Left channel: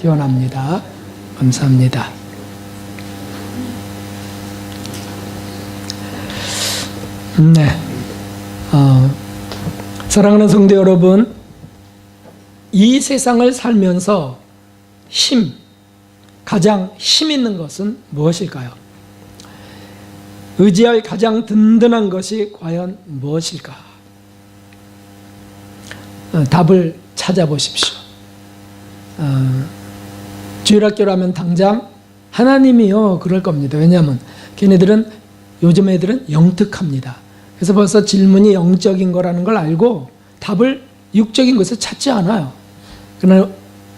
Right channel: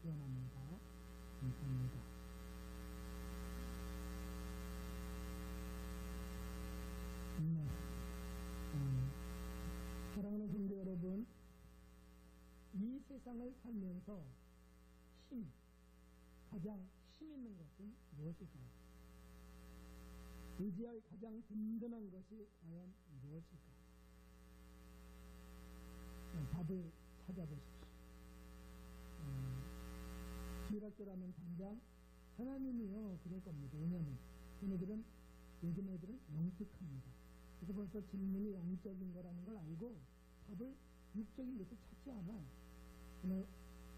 기원합니다. 감사합니다. 네, 사랑하는 성도 여러분, 이 세상을 살면서 가장 힘 있는 것은 무엇일까요? 의지할 가장 든든한 것이 과연 무엇일까? 답을 찾아보십시오. 주일학교라면 당장 하나님이요 그럴 겁니다. 왜냐하면 요즘 애들은 영특합니다. 그래서 벌써 질문이 영적인 거라는 걸 알고 답을 육적인 것을 찾지 않아요. 그러나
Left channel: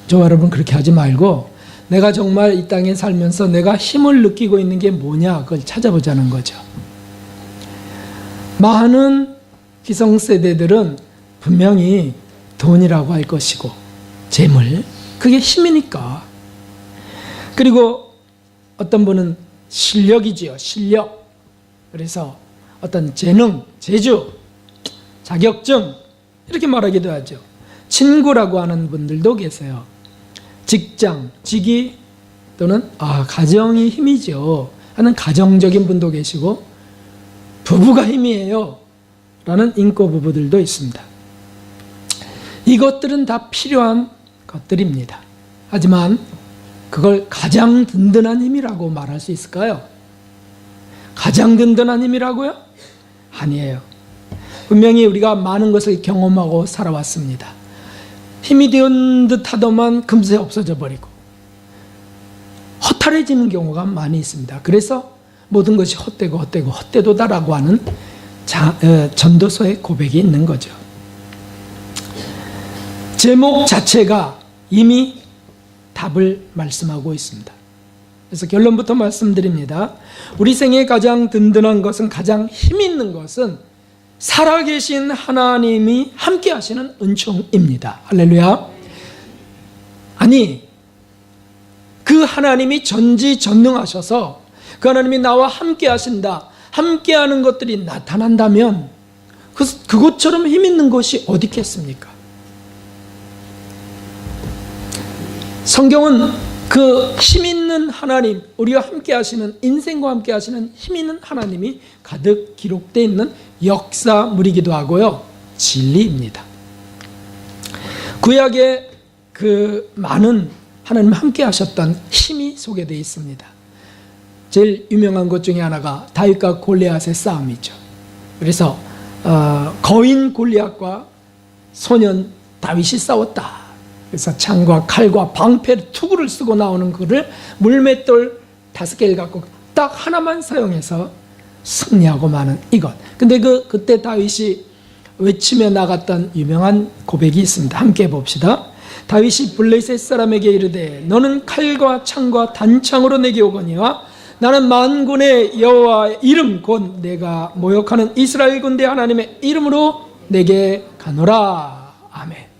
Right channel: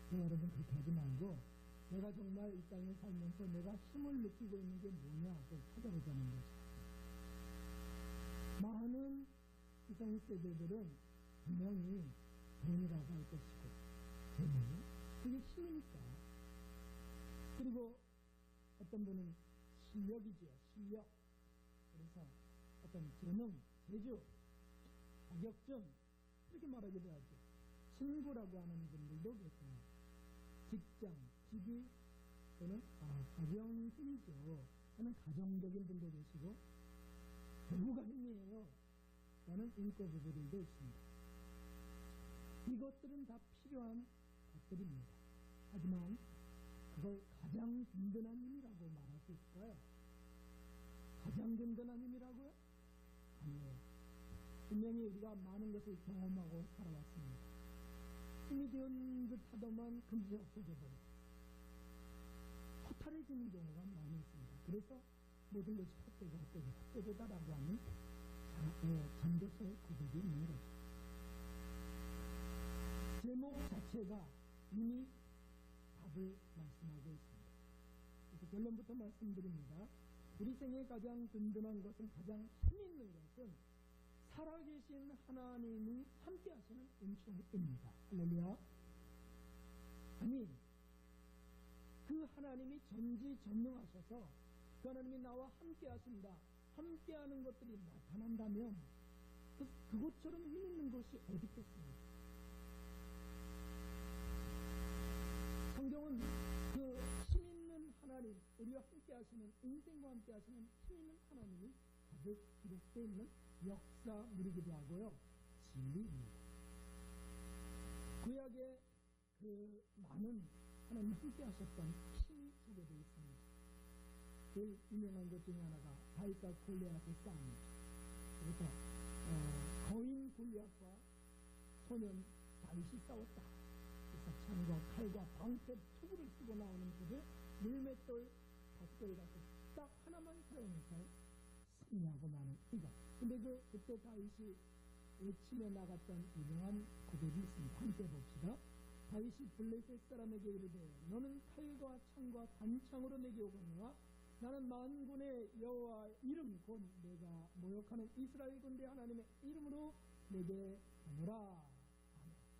저와 여러분 그렇게 하지 말고 내가 정말 이 땅에 살면서 내가 힘을 느끼고 있는 게 뭐냐 그걸 찾아보자는 거죠. 많은 기성세대들은 분명히 돈이라고 할 것이고 재물, 그게 힘이니까. 그리고 어떤 분은 실력이지요. 실력. 그래서 어떤 재능, 재주, 자격증 이렇게 말하기도 하죠. 친구라고 하는 분들도 계세요. 직장, 직위 또는 가정이 힘이죠 하는 가정적인 분도 계시고 부부가 힘이에요 라는 인고 부부들도 있습니다. 이것들은 다 필요한 것들입니다. 하지만 그걸 가장 든든한 힘이라고 말할 수 있을까요? 가장 든든한 힘이라고요? 아니에요. 분명히 우리가 많은 것을 경험하고 살아왔습니다. 힘이 된 듯 하더만 금세 없어져 버리고 허탈해지는 경우가 많이 있습니다. 그래서 모든 것이 헛되도다라고 하는 전도서의 고백이 있는 거죠. 제목 자체가 이미 답을 말씀하고 있습니다. 그래서 결론부터 말씀드립니다. 우리 생에 가장 든든한 것은, 가장 힘 있는 것은 살아계신 하나님이 함께 하시는 은총입니다. 할렐루야. 아니, 그 하나님이 전지전능하셔서 그 하나님이 나와 함께 하신다, 함께 하는 것들이 나타난다면 그것처럼 힘 있는 것이 어디 있겠습니까? 성경은 그 힘 있는 하나님, 우리와 함께 하시는, 인생과 함께 하시는 힘 있는 하나님이 가득 기록되어 있는 역사물이기도 하고요, 진리입니다. 구약에 그 많은 하나님 함께 하셨던 힘이 소개되어 있습니다. 제일 유명한 것 중에 하나가 다윗과 골리앗의 싸움이죠. 그래서 거인 골리앗과 소년 다윗이 싸웠다. 그래서 창과 칼과 방패, 투구를 쓰고 나오는 그를 물맷돌 5개를 갖고 딱 하나만 사용해서 승리하고 마는 이것. 근데 그때 다윗이 외치며 나갔던 유명한 고백이 있습니다. 함께 봅시다. 다윗이 블레셋 사람에게 이르되 너는 칼과 창과 단창으로 내게 오거니와 나는 만군의 여호와의 이름 곧 내가 모욕하는 이스라엘 군대 하나님의 이름으로 내게 가노라. 아멘.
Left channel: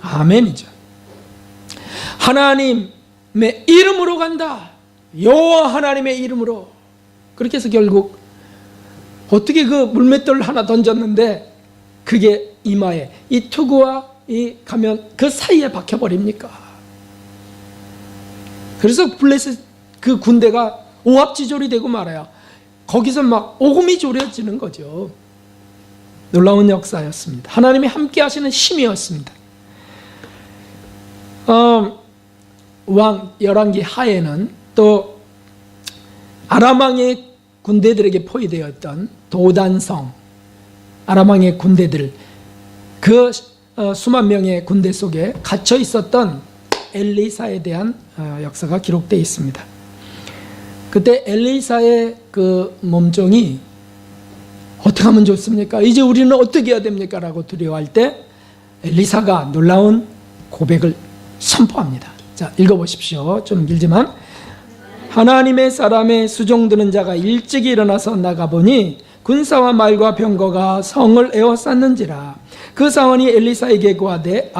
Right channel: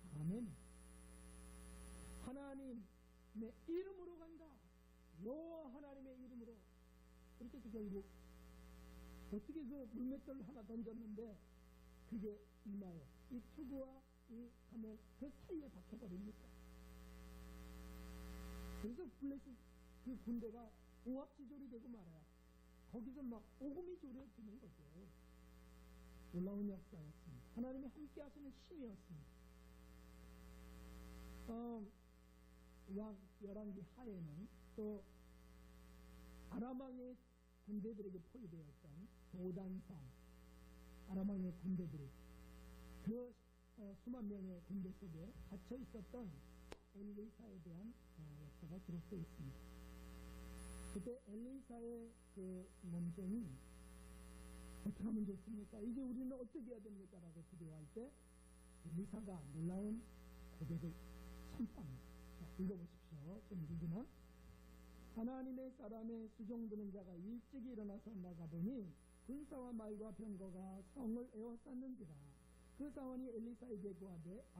아멘이죠. 하나님의 이름으로 간다. 여호와 하나님의 이름으로. 그렇게 해서 결국 어떻게 그 물맷돌 하나 던졌는데 그게 이마에 이 투구와 이 가면 그 사이에 박혀버립니까? 그래서 블레셋 그 군대가 오합지졸이 되고 말아요. 거기서 막 오금이 졸여지는 거죠. 놀라운 역사였습니다. 하나님이 함께 하시는 힘이었습니다. 왕 열왕기 하에는 또 아람 왕의 군대들에게 포위되었던 도단성, 아람 왕의 군대들, 그 수만 명의 군대 속에 갇혀 있었던 엘리사에 대한 역사가 기록되어 있습니다. 그때 엘리사의 그 몸종이 어떻게 하면 좋습니까? 이제 우리는 어떻게 해야 됩니까? 라고 두려워할 때 엘리사가 놀라운 고백을 선포합니다. 자, 읽어보십시오. 좀 길지만 하나님의 사람의 수종드는 자가 일찍이 일어나서 나가보니 군사와 말과 병거가 성을 에워쌌는지라. 그 사원이 엘리사에게 고하되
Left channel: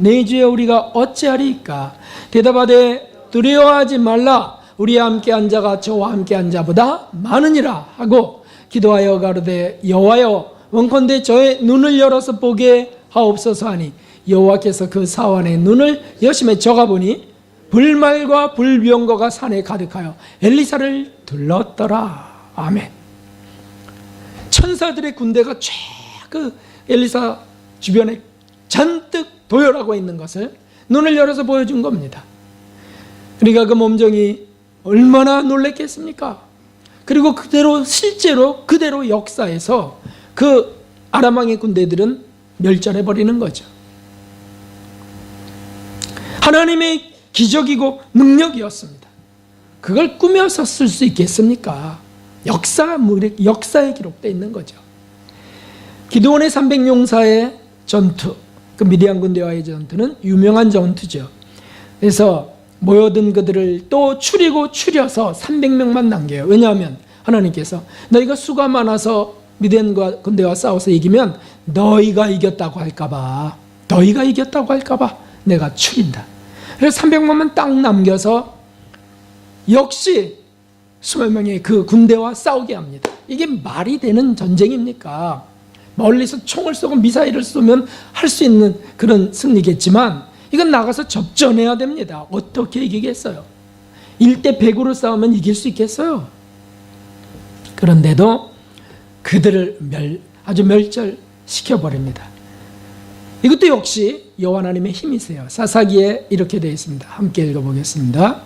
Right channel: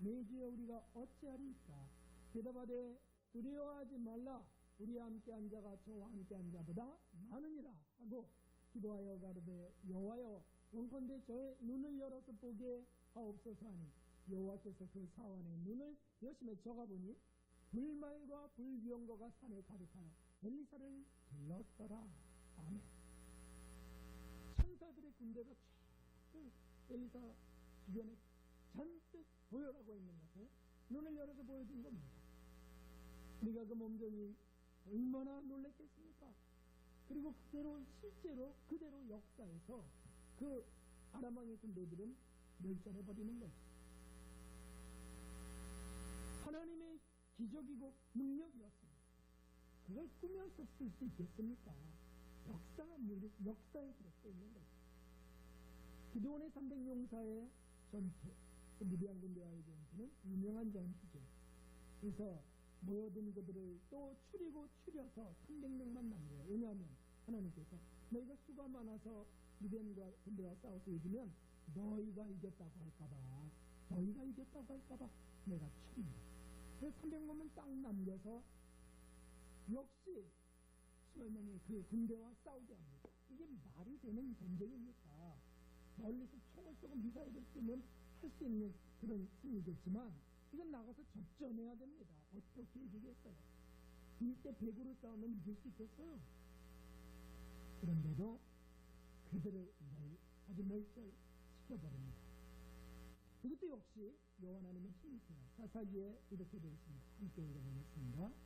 내 주여 우리가 어찌하리이까? 대답하되 두려워하지 말라. 우리와 함께한 자가 저와 함께한 자보다 많으니라 하고 기도하여 가로되 여호와여 원컨대 저의 눈을 열어서 보게 하옵소서 하니 여호와께서 그 사환의 눈을 여심에 저가보니 불말과 불병거가 산에 가득하여 엘리사를 둘렀더라. 아멘. 천사들의 군대가 쫙 그 엘리사 주변에 잔뜩 도열하고 있는 것을 눈을 열어서 보여준 겁니다. 그러니까 그 몸종이 얼마나 놀랬겠습니까? 그리고 그대로 실제로 그대로 역사에서 그 아람 왕의 군대들은 멸절해 버리는 거죠. 하나님의 기적이고 능력이었습니다. 그걸 꾸며서 쓸 수 있겠습니까? 역사에 기록되어 있는 거죠. 기드온의 300용사의 전투, 그 미디안 군대와의 전투는 유명한 전투죠. 그래서 모여든 그들을 또 추려서 300명만 남겨요. 왜냐하면 하나님께서 너희가 수가 많아서 미디안 군대와 싸워서 이기면 너희가 이겼다고 할까봐 내가 추린다. 그래서 300명만 딱 남겨서 역시 수백 명의 그 군대와 싸우게 합니다. 이게 말이 되는 전쟁입니까? 멀리서 총을 쏘고 미사일을 쏘면 할 수 있는 그런 승리겠지만 이건 나가서 접전해야 됩니다. 어떻게 이기겠어요? 1대 100으로 싸우면 이길 수 있겠어요? 그런데도 그들을 아주 멸절시켜버립니다. 이것도 역시 여호와 하나님의 힘이세요. 사사기에 이렇게 되어 있습니다. 함께 읽어보겠습니다.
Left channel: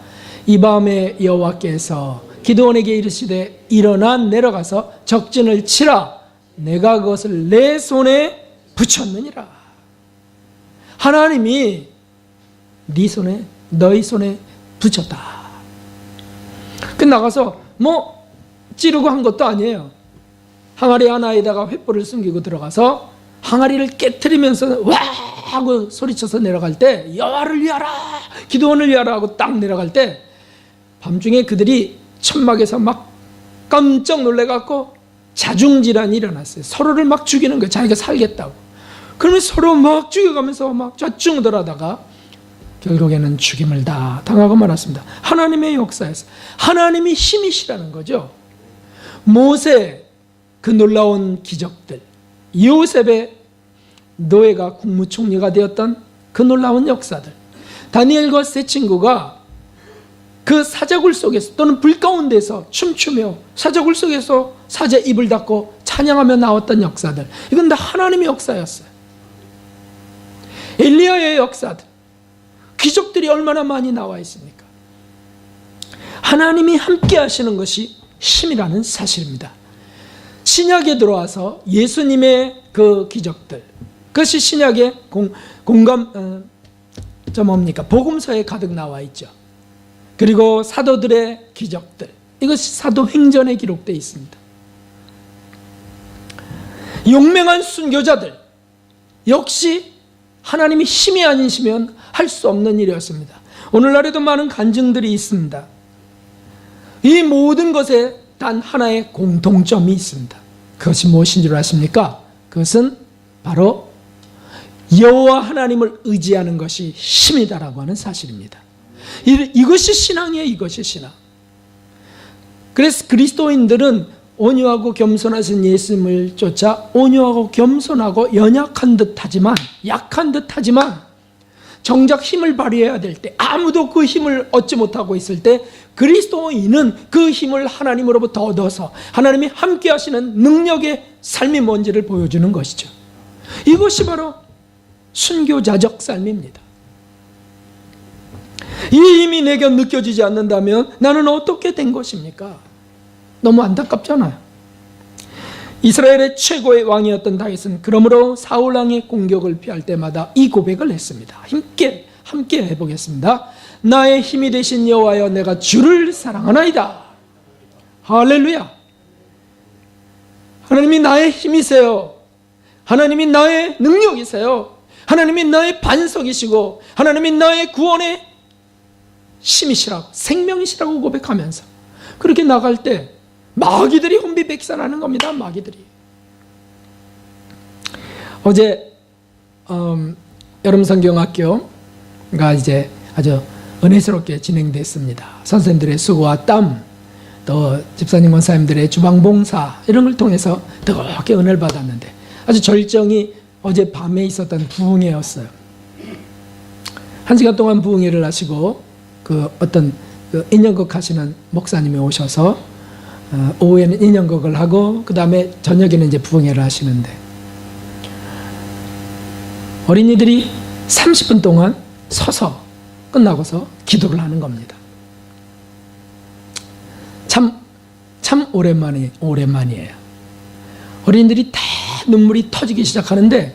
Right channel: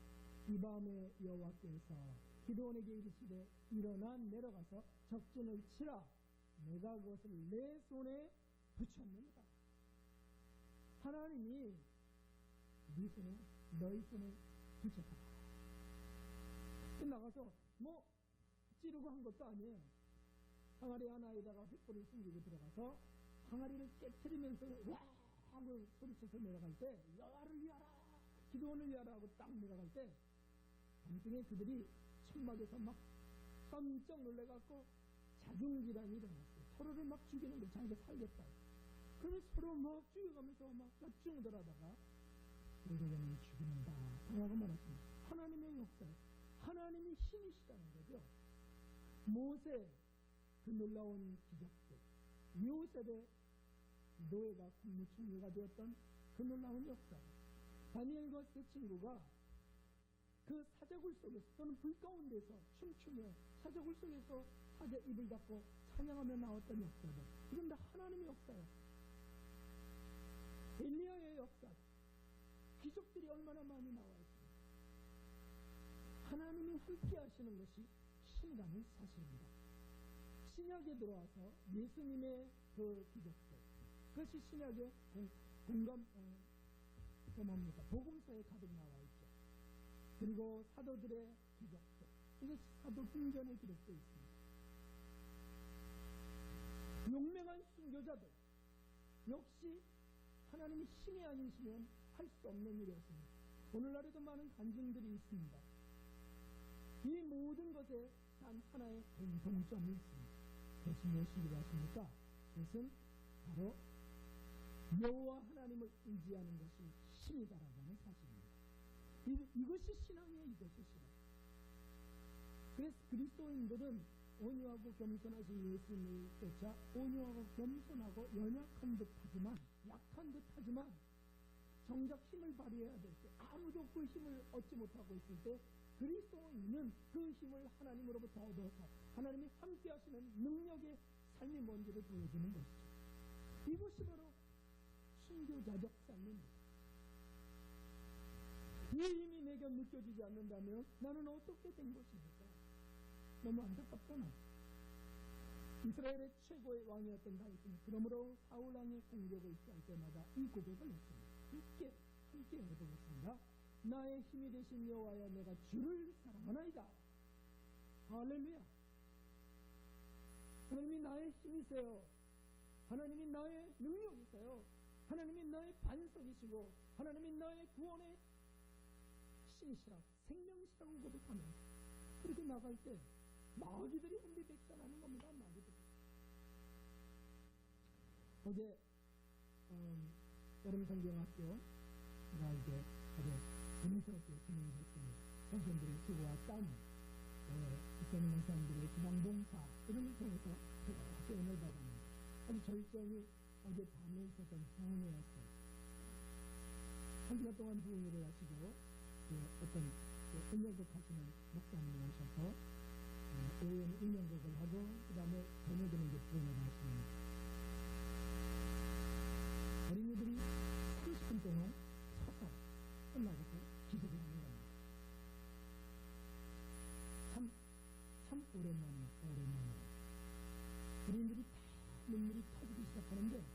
이 밤에 여호와께서 기드온에게 이르시되 일어나 내려가서 적진을 치라. 내가 그것을 내 손에 붙였느니라. 하나님이 너희 손에 붙였다. 그 나가서 찌르고 한 것도 아니에요. 항아리 하나에다가 횃불을 숨기고 들어가서 항아리를 깨트리면서 와 하고 소리쳐서 내려갈 때 여호와를 위하라, 기드온을 위하라 하고 딱 내려갈 때 밤중에 그들이 천막에서 막 깜짝 놀래갖고 자중질환이 일어났어요. 서로를 막 죽이는 거예요. 자기가 살겠다고. 그러면 서로 막 죽여가면서 막 좌충우돌하다가 결국에는 죽임을 다 당하고 말았습니다. 하나님의 역사에서 하나님이 힘이시라는 거죠. 모세 그 놀라운 기적들, 요셉의 노예가 국무총리가 되었던 그 놀라운 역사들, 다니엘과 세 친구가 그 사자굴 속에서 또는 불 가운데서 춤추며 사자굴 속에서 사자 입을 닫고 찬양하며 나왔던 역사들, 이건 다 하나님의 역사였어요. 엘리야의 역사들, 기적들이 얼마나 많이 나와 있습니까? 하나님이 함께 하시는 것이 힘이라는 사실입니다. 신약에 들어와서 예수님의 그 기적들, 그것이 신약의 복음서에 가득 나와 있죠. 그리고 사도들의 기적들, 이것이 사도행전에 기록되어 있습니다. 용맹한 순교자들, 역시 하나님이 힘이 아니시면 할 수 없는 일이었습니다. 오늘날에도 많은 간증들이 있습니다. 이 모든 것에 단 하나의 공통점이 있습니다. 그것이 무엇인 줄 아십니까? 그것은 바로 여호와 하나님을 의지하는 것이 힘이다라고 하는 사실입니다. 이것이 신앙이에요. 이것이 신앙. 그래서 그리스도인들은 온유하고 겸손하신 예수님을 쫓아 온유하고 겸손하고 연약한 듯하지만, 약한 듯하지만 정작 힘을 발휘해야 될 때, 아무도 그 힘을 얻지 못하고 있을 때 그리스도인은 그 힘을 하나님으로부터 얻어서 하나님이 함께 하시는 능력의 삶이 뭔지를 보여주는 것이죠. 이것이 바로 순교자적 삶입니다. 이 힘이 내게 느껴지지 않는다면 나는 어떻게 된 것입니까? 너무 안타깝잖아요. 이스라엘의 최고의 왕이었던 다윗은 그러므로 사울 왕의 공격을 피할 때마다 이 고백을 했습니다. 함께 해보겠습니다. 나의 힘이 되신 여호와여, 내가 주를 사랑하나이다. 할렐루야. 하나님이 나의 힘이세요. 하나님이 나의 능력이세요. 하나님이 나의 반석이시고 하나님이 나의 구원의 힘이시라고, 생명이시라고 고백하면서 그렇게 나갈 때 마귀들이 혼비백산하는 겁니다. 마귀들이. 어제 여름성경학교가 이제 아주 은혜스럽게 진행됐습니다. 선생님들의 수고와 땀, 또 집사님 권사님들의 주방봉사, 이런 걸 통해서 뜨겁게 은혜를 받았는데 아주 절정이 어제 밤에 있었던 부흥회였어요. 1시간 동안 부흥회를 하시고 그 어떤 그 인연극 하시는 목사님이 오셔서 오후에는 인연극을 하고 그 다음에 저녁에는 이제 부흥회를 하시는데 어린이들이 30분 동안 서서 끝나고서 기도를 하는 겁니다. 참 오랜만이에요. 어린이들이 다 눈물이 터지기 시작하는데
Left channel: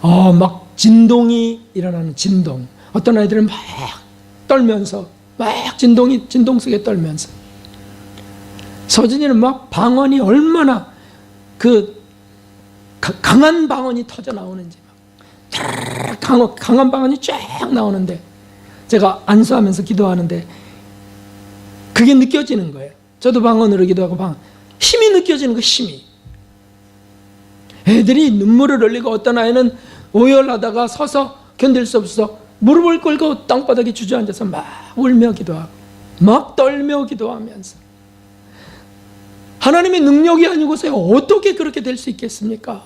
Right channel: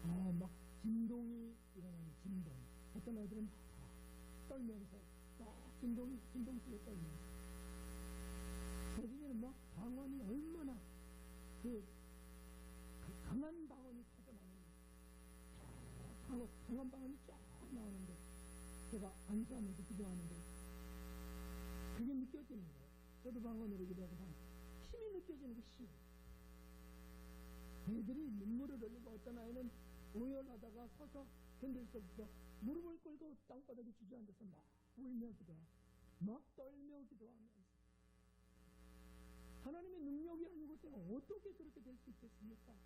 막 진동이 일어나는 진동. 어떤 아이들은 막 떨면서 막 진동 속에 떨면서 서진이는 막 방언이 얼마나 그 강한 방언이 터져 나오는지 강한 방언이 쫙 나오는데 제가 안수하면서 기도하는데 그게 느껴지는 거예요. 저도 방언으로 기도하고 힘이 느껴지는 거 힘이. 애들이 눈물을 흘리고 어떤 아이는 오열하다가 서서 견딜 수 없어서 무릎을 꿇고 땅바닥에 주저앉아서 막 울며 기도하고 막 떨며 기도하면서 하나님의 능력이 아니고서야 어떻게 그렇게 될 수 있겠습니까?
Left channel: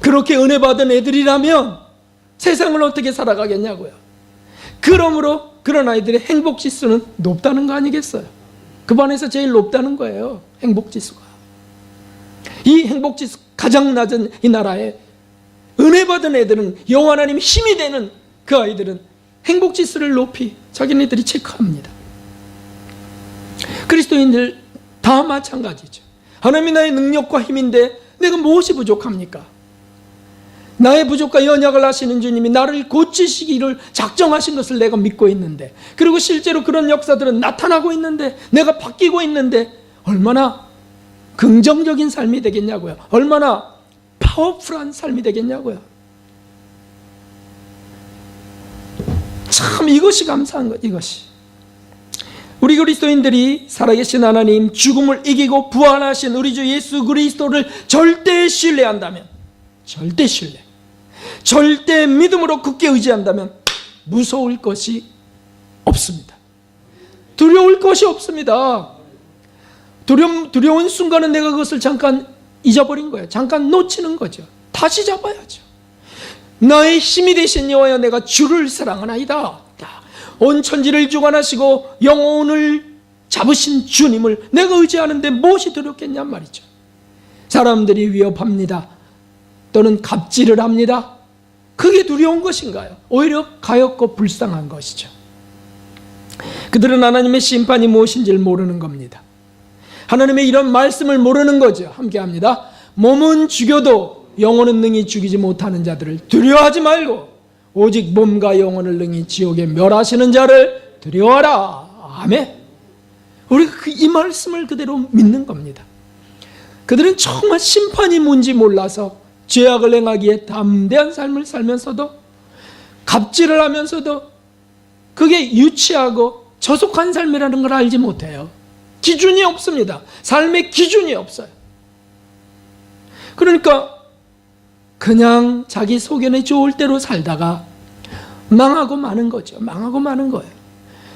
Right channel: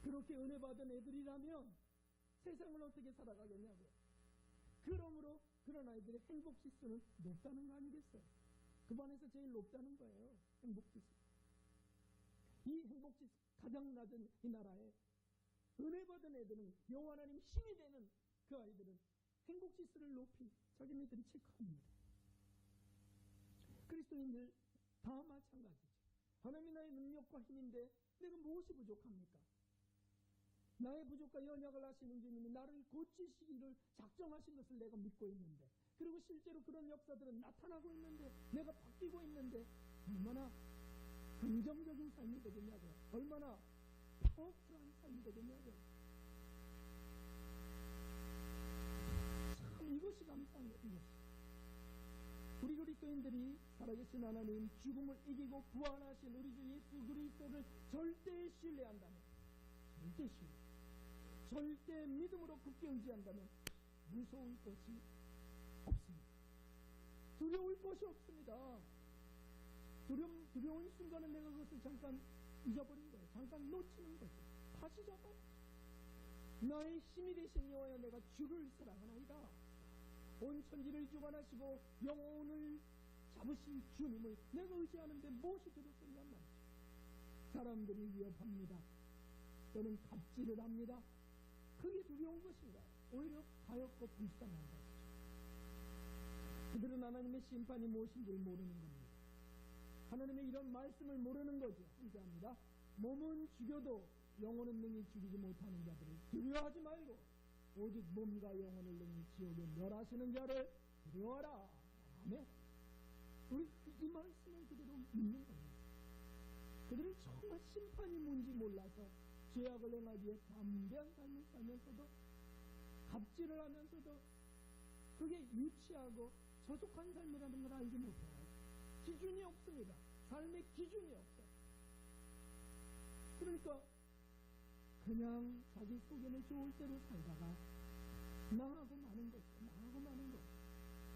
그렇게 은혜 받은 애들이라면 세상을 어떻게 살아가겠냐고요. 그러므로 그런 아이들의 행복지수는 높다는 거 아니겠어요? 그 반에서 제일 높다는 거예요. 행복지수가. 이 행복지수 가장 낮은 이 나라에 은혜 받은 애들은 여호와 하나님 힘이 되는 그 아이들은 행복지수를 높이 자기네들이 체크합니다. 그리스도인들 다 마찬가지죠. 하나님이 나의 능력과 힘인데 내가 무엇이 부족합니까? 나의 부족과 연약을 아시는 주님이 나를 고치시기를 작정하신 것을 내가 믿고 있는데, 그리고 실제로 그런 역사들은 나타나고 있는데, 내가 바뀌고 있는데 얼마나 긍정적인 삶이 되겠냐고요. 얼마나 파워풀한 삶이 되겠냐고요. 참 이것이 감사한 것. 이것이 우리 그리스도인들이 살아계신 하나님, 죽음을 이기고 부활하신 우리 주 예수 그리스도를 절대 신뢰한다면, 절대 신뢰, 절대 믿음으로 굳게 의지한다면 무서울 것이 없습니다. 두려울 것이 없습니다. 두려운 순간은 내가 그것을 잠깐 잊어버린 거예요. 잠깐 놓치는 거죠. 다시 잡아야죠. 나의 힘이 되신 여호와여, 내가 주를 사랑하나이다. 온 천지를 주관하시고 영혼을 잡으신 주님을 내가 의지하는데 무엇이 두렵겠냔 말이죠. 사람들이 위협합니다. 또는 갑질을 합니다. 그게 두려운 것인가요? 오히려 가엾고 불쌍한 것이죠. 그들은 하나님의 심판이 무엇인지를 모르는 겁니다. 하나님의 이런 말씀을 모르는 거죠. 함께 합니다. 몸은 죽여도 영혼은 능히 죽이지 못하는 자들을 두려워하지 말고 오직 몸과 영혼을 능히 지옥에 멸하시는 자를 두려워하라. 아멘. 우리가 이 말씀을 그대로 믿는 겁니다. 그들은 정말 심판이 뭔지 몰라서 죄악을 행하기에 담대한 삶을 살면서도, 갑질을 하면서도 그게 유치하고 저속한 삶이라는 걸 알지 못해요. 기준이 없습니다. 삶의 기준이 없어요. 그러니까 그냥 자기 소견에 좋을 대로 살다가 망하고 마는 거죠. 망하고 마는 거예요.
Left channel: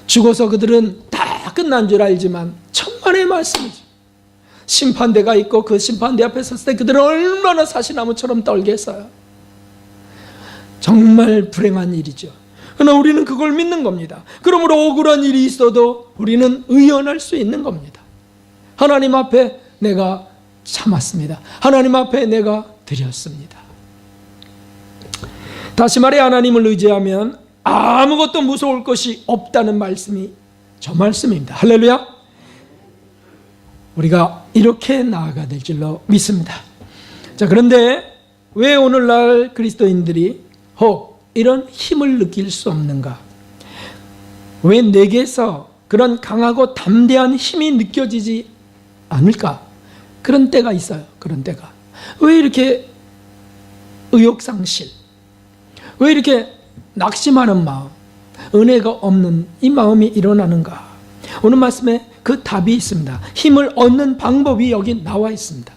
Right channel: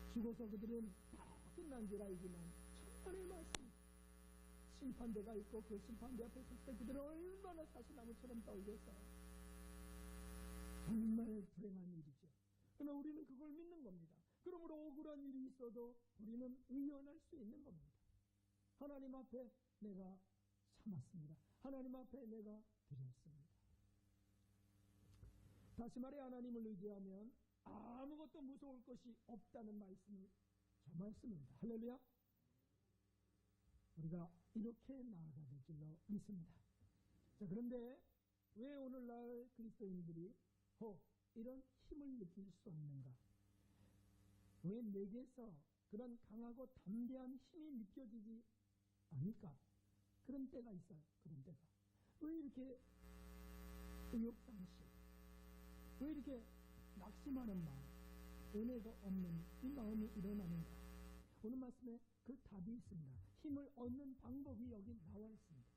죽어서 그들은 다 끝난 줄 알지만 천만의 말씀이죠. 심판대가 있고 그 심판대 앞에 섰을 때 그들은 얼마나 사시나무처럼 떨겠어요. 정말 불행한 일이죠. 그러나 우리는 그걸 믿는 겁니다. 그러므로 억울한 일이 있어도 우리는 의연할 수 있는 겁니다. 하나님 앞에 내가 참았습니다. 하나님 앞에 내가 드렸습니다. 다시 말해, 하나님을 의지하면 아무것도 무서울 것이 없다는 말씀이 저 말씀입니다. 할렐루야. 우리가 이렇게 나아가야 될 줄로 믿습니다. 자, 그런데 왜 오늘날 그리스도인들이 혹 이런 힘을 느낄 수 없는가? 왜 내게서 그런 강하고 담대한 힘이 느껴지지 않을까? 그런 때가 있어요. 그런 때가. 왜 이렇게 의욕상실, 왜 이렇게 낙심하는 마음, 은혜가 없는 이 마음이 일어나는가? 오늘 말씀에 그 답이 있습니다. 힘을 얻는 방법이 여기 나와 있습니다.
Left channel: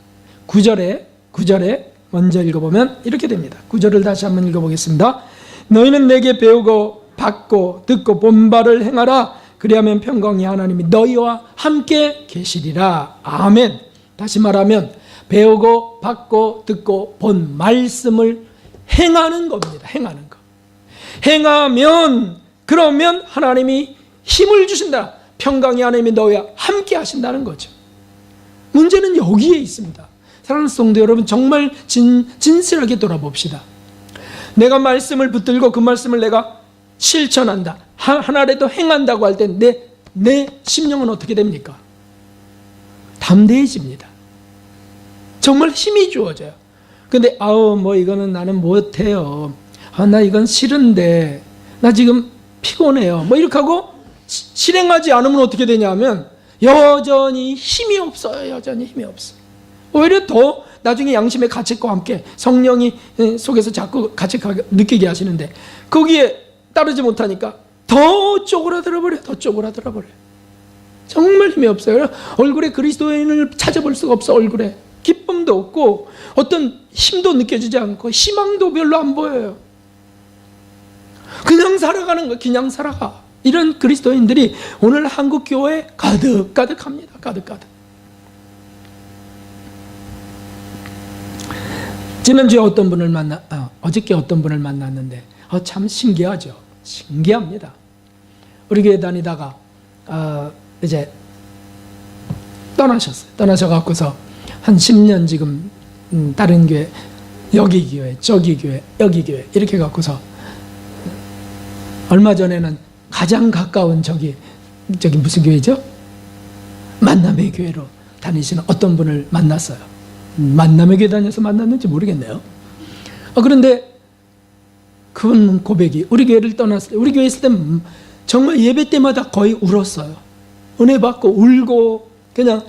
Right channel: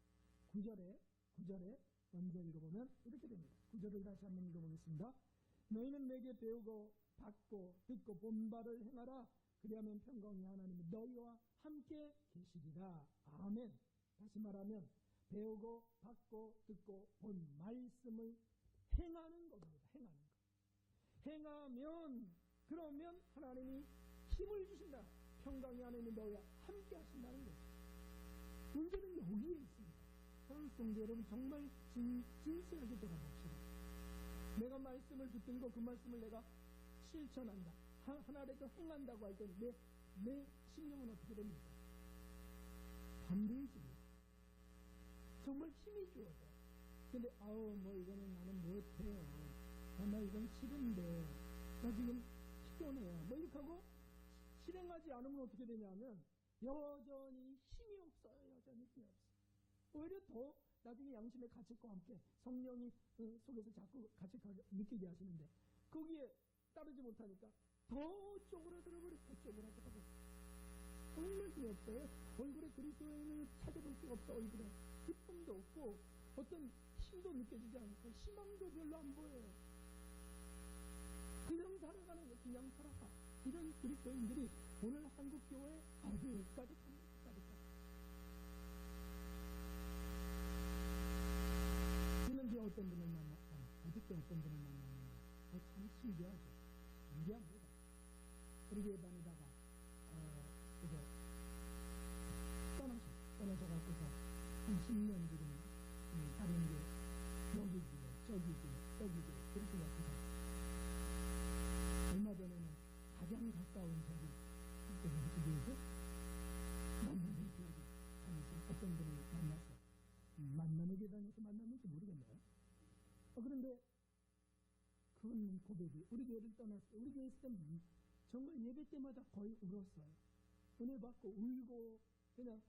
9절에 먼저 읽어보면 이렇게 됩니다. 9절을 다시 한번 읽어보겠습니다. 너희는 내게 배우고 받고 듣고 본 바를 행하라. 그리하면 평강의 하나님이 너희와 함께 계시리라. 아멘. 다시 말하면 배우고 받고 듣고 본 말씀을 행하는 겁니다. 행하는 거. 행하면 그러면 하나님이 힘을 주신다. 평강의 하나님이 너희와 함께 하신다는 거죠. 문제는 여기에 있습니다. 사랑하는 성도 여러분, 정말 진실하게 돌아봅시다. 내가 말씀을 붙들고 그 말씀을 내가 실천한다, 하나라도 행한다고 할 때 내 심령은 어떻게 됩니까? 담대해집니다. 정말 힘이 주어져요. 근데 뭐 이거는 나는 못해요. 나 이건 싫은데, 나 지금 피곤해요. 뭐 이렇게 하고 실행하지 않으면 어떻게 되냐면 여전히 힘이 없어요. 여전히 힘이 없어요. 오히려 더 나중에 양심의 가책과 함께 성령이 속에서 자꾸 가책하게 느끼게 하시는데 거기에 따르지 못하니까 더 쪼그라들어 버려요. 더 쪼그라들어 버려요. 정말 힘이 없어요. 얼굴에 그리스도인을 찾아볼 수가 없어. 얼굴에 기쁨도 없고 어떤 힘도 느껴지지 않고 희망도 별로 안 보여요. 그냥 살아가는 거, 그냥 살아가. 이런 그리스도인들이 오늘 한국 교회에 가득가득합니다. 가득가득. 지난주에 어저께 어떤 분을 만났는데 참 신기하죠. 신기합니다. 우리 교회 다니다가 이제 떠나셨어요. 떠나셔갖고서 한 10년 지금 다른 교회, 여기 교회, 저기 교회, 여기 교회 이렇게 갖고서 얼마 전에는 가장 가까운 저기 무슨 교회죠? 만남의 교회로 다니시는 어떤 분을 만났어요. 만남의 교회 다녀서 만났는지 모르겠네요. 그런데 그분 고백이 우리 교회를 떠났을 때, 우리 교회 있을 때 정말 예배 때마다 거의 울었어요. 은혜 받고 울고 그냥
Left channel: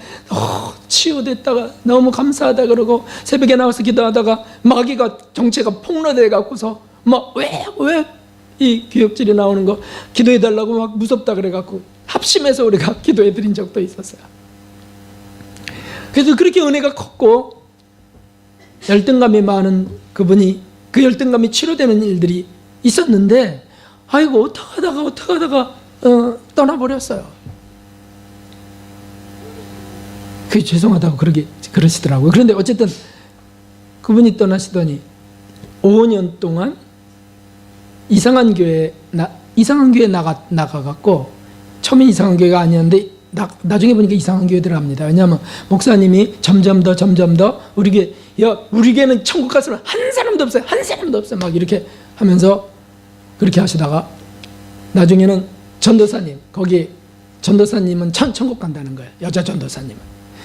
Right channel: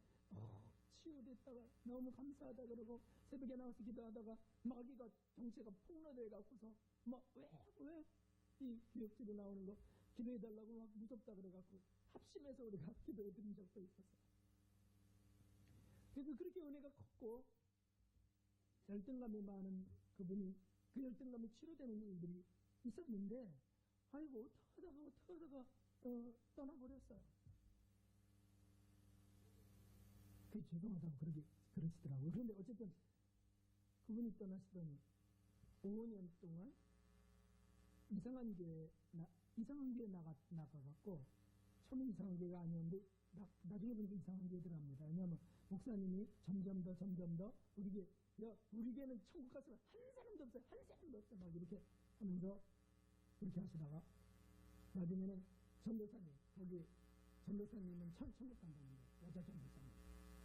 치유됐다가 너무 감사하다 그러고 새벽에 나와서 기도하다가 마귀가 정체가 폭로돼 갖고서 막 왜 이 교역질이 나오는 거 기도해 달라고 막 무섭다 그래 갖고 합심해서 우리가 기도해 드린 적도 있었어요. 그래서 그렇게 은혜가 컸고 열등감이 많은 그분이 그 열등감이 치료되는 일들이 있었는데 아이고 어떻게 하다가 떠나버렸어요. 그게 죄송하다고 그러시더라고요. 그런데 어쨌든 그분이 떠나시더니 5년 동안 이상한 교회에 나가갖고 처음엔 이상한 교회가 아니었는데 나중에 보니까 이상한 교회 들어갑니다. 왜냐하면 목사님이 점점 더 우리 교회는 천국 갔으면 한 사람도 없어요. 막 이렇게 하면서 그렇게 하시다가 나중에는 전도사님, 거기 전도사님은 천국 간다는 거예요. 여자 전도사님은.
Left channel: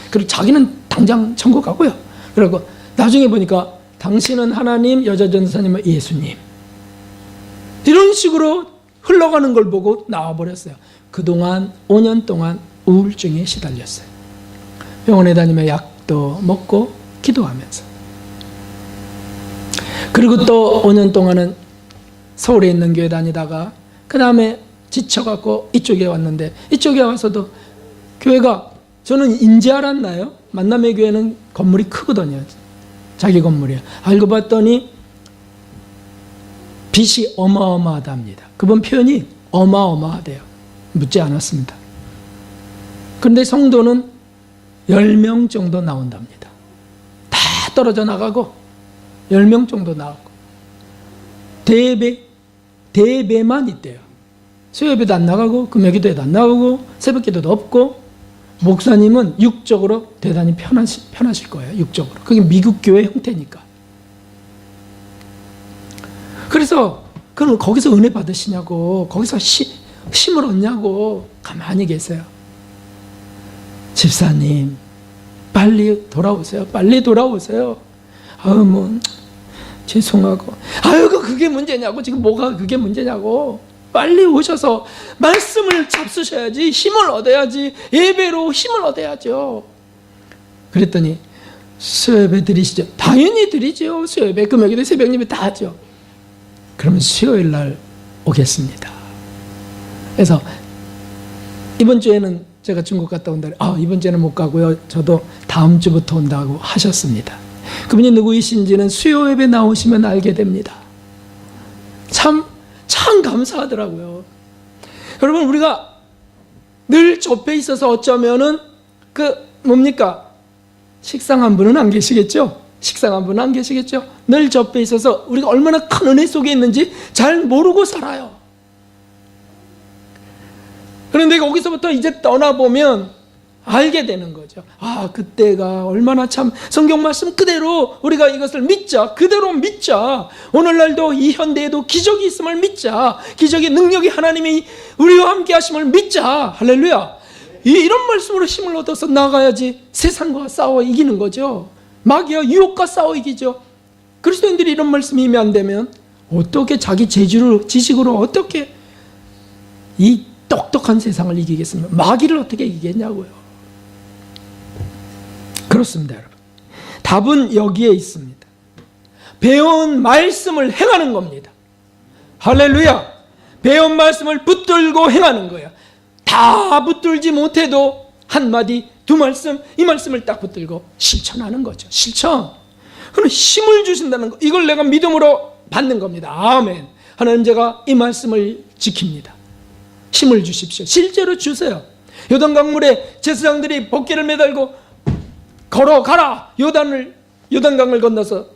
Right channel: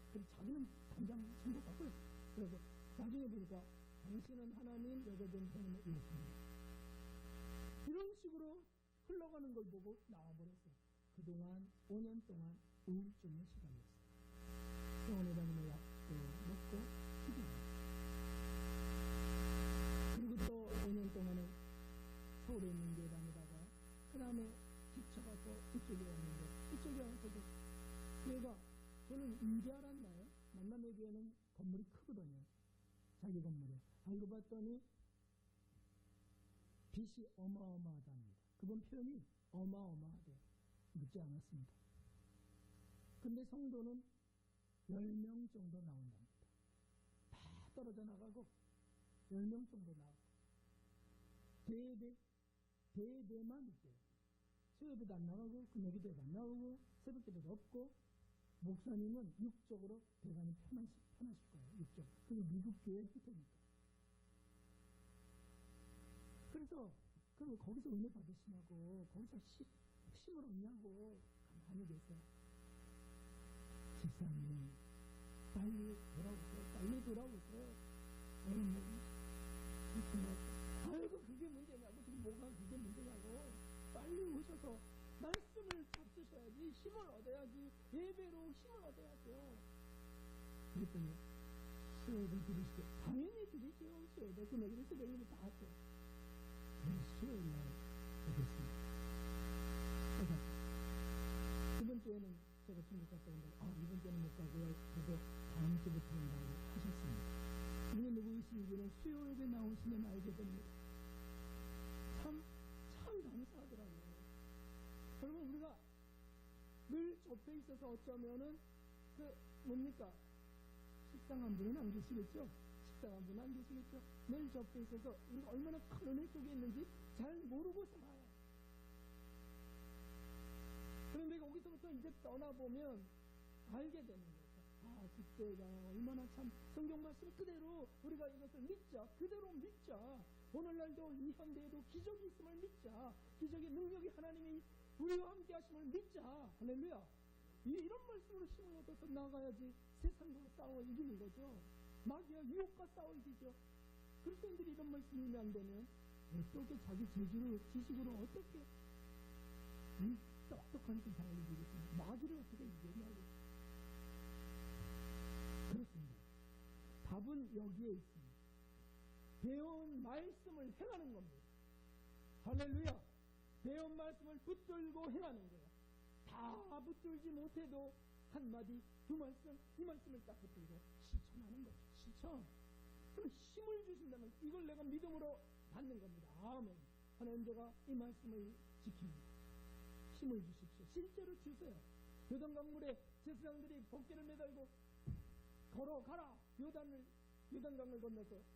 그리고 자기는 당장 천국 가고요. 그리고 나중에 보니까 당신은 하나님, 여자 전도사님은 예수님. 이런 식으로 흘러가는 걸 보고 나와버렸어요. 그동안 5년 동안 우울증에 시달렸어요. 병원에 다니며 약도 먹고 기도하면서. 그리고 또 5년 동안은 서울에 있는 교회 다니다가 그 다음에 지쳐갖고 이쪽에 왔는데 이쪽에 와서도 교회가 저는 인지 알았나요? 만남의 교회는 건물이 크거든요. 자기 건물이에요. 알고 봤더니 빚이 어마어마하답니다. 그분 표현이 어마어마하대요. 묻지 않았습니다. 그런데 성도는 10명 정도 나온답니다. 다 떨어져 나가고 10명 정도 나오고 대배만 있대요. 수요예배도 안 나가고 금요기도에도 안 나오고 새벽기도도 없고 목사님은 육적으로 대단히 편하실 거예요. 육적으로. 그게 미국 교회 형태니까. 그래서 그럼 거기서 은혜 받으시냐고, 거기서 힘을 얻냐고 가만히 계세요. 집사님 빨리 돌아오세요. 빨리 돌아오세요. 죄송하고 그게 문제냐고. 지금 뭐가 그게 문제냐고. 빨리 오셔서 말씀을 잡수셔야지. 힘을 얻어야지. 예배로 힘을 얻어야죠. 그랬더니 수요예배 드리시죠? 당연히 드리죠. 수요예배, 금요일에 새벽예배 다 하죠. 그러면 수요일 날 오겠습니다. 그래서 이번 주에는 제가 중국 갔다 온다. 이번 주에는 못 가고요. 저도 다음 주부터 온다고 하셨습니다. 그분이 누구이신지는 수요예배 나오시면 알게 됩니다. 참 감사하더라고요. 여러분, 우리가 늘 접해 있어서 어쩌면은 식상 한 분은 안 계시겠죠? 늘 접해 있어서 우리가 얼마나 큰 은혜 속에 있는지 잘 모르고 살아요. 그런데 거기서부터 이제 떠나보면 알게 되는 거죠. 아, 그때가 얼마나 참 성경 말씀 그대로 우리가 이것을 믿자. 그대로 믿자. 오늘날도 이 현대에도 기적이 있음을 믿자. 기적의 능력이 하나님이 우리와 함께 하심을 믿자. 할렐루야. 이런 말씀으로 힘을 얻어서 나가야지 세상과 싸워 이기는 거죠. 마귀와 유혹과 싸워 이기죠. 그리스도인들이 이런 말씀이 힘이 안 되면 어떻게 자기 재주로 지식으로 어떻게 이 똑똑한 세상을 이기겠습니까? 마귀를 어떻게 이기겠냐고요. 그렇습니다, 여러분. 답은 여기에 있습니다. 배운 말씀을 행하는 겁니다. 할렐루야. 배운 말씀을 붙들고 행하는 거예요. 다 붙들지 못해도 한마디 두 말씀, 이 말씀을 딱 붙들고 실천하는 거죠. 실천. 그럼 힘을 주신다는 거, 이걸 내가 믿음으로 받는 겁니다. 아멘. 하나님, 제가 이 말씀을 지킵니다. 힘을 주십시오. 실제로 주세요. 요단강물에 제사장들이 법궤를 매달고 걸어가라. 요단강을 건너서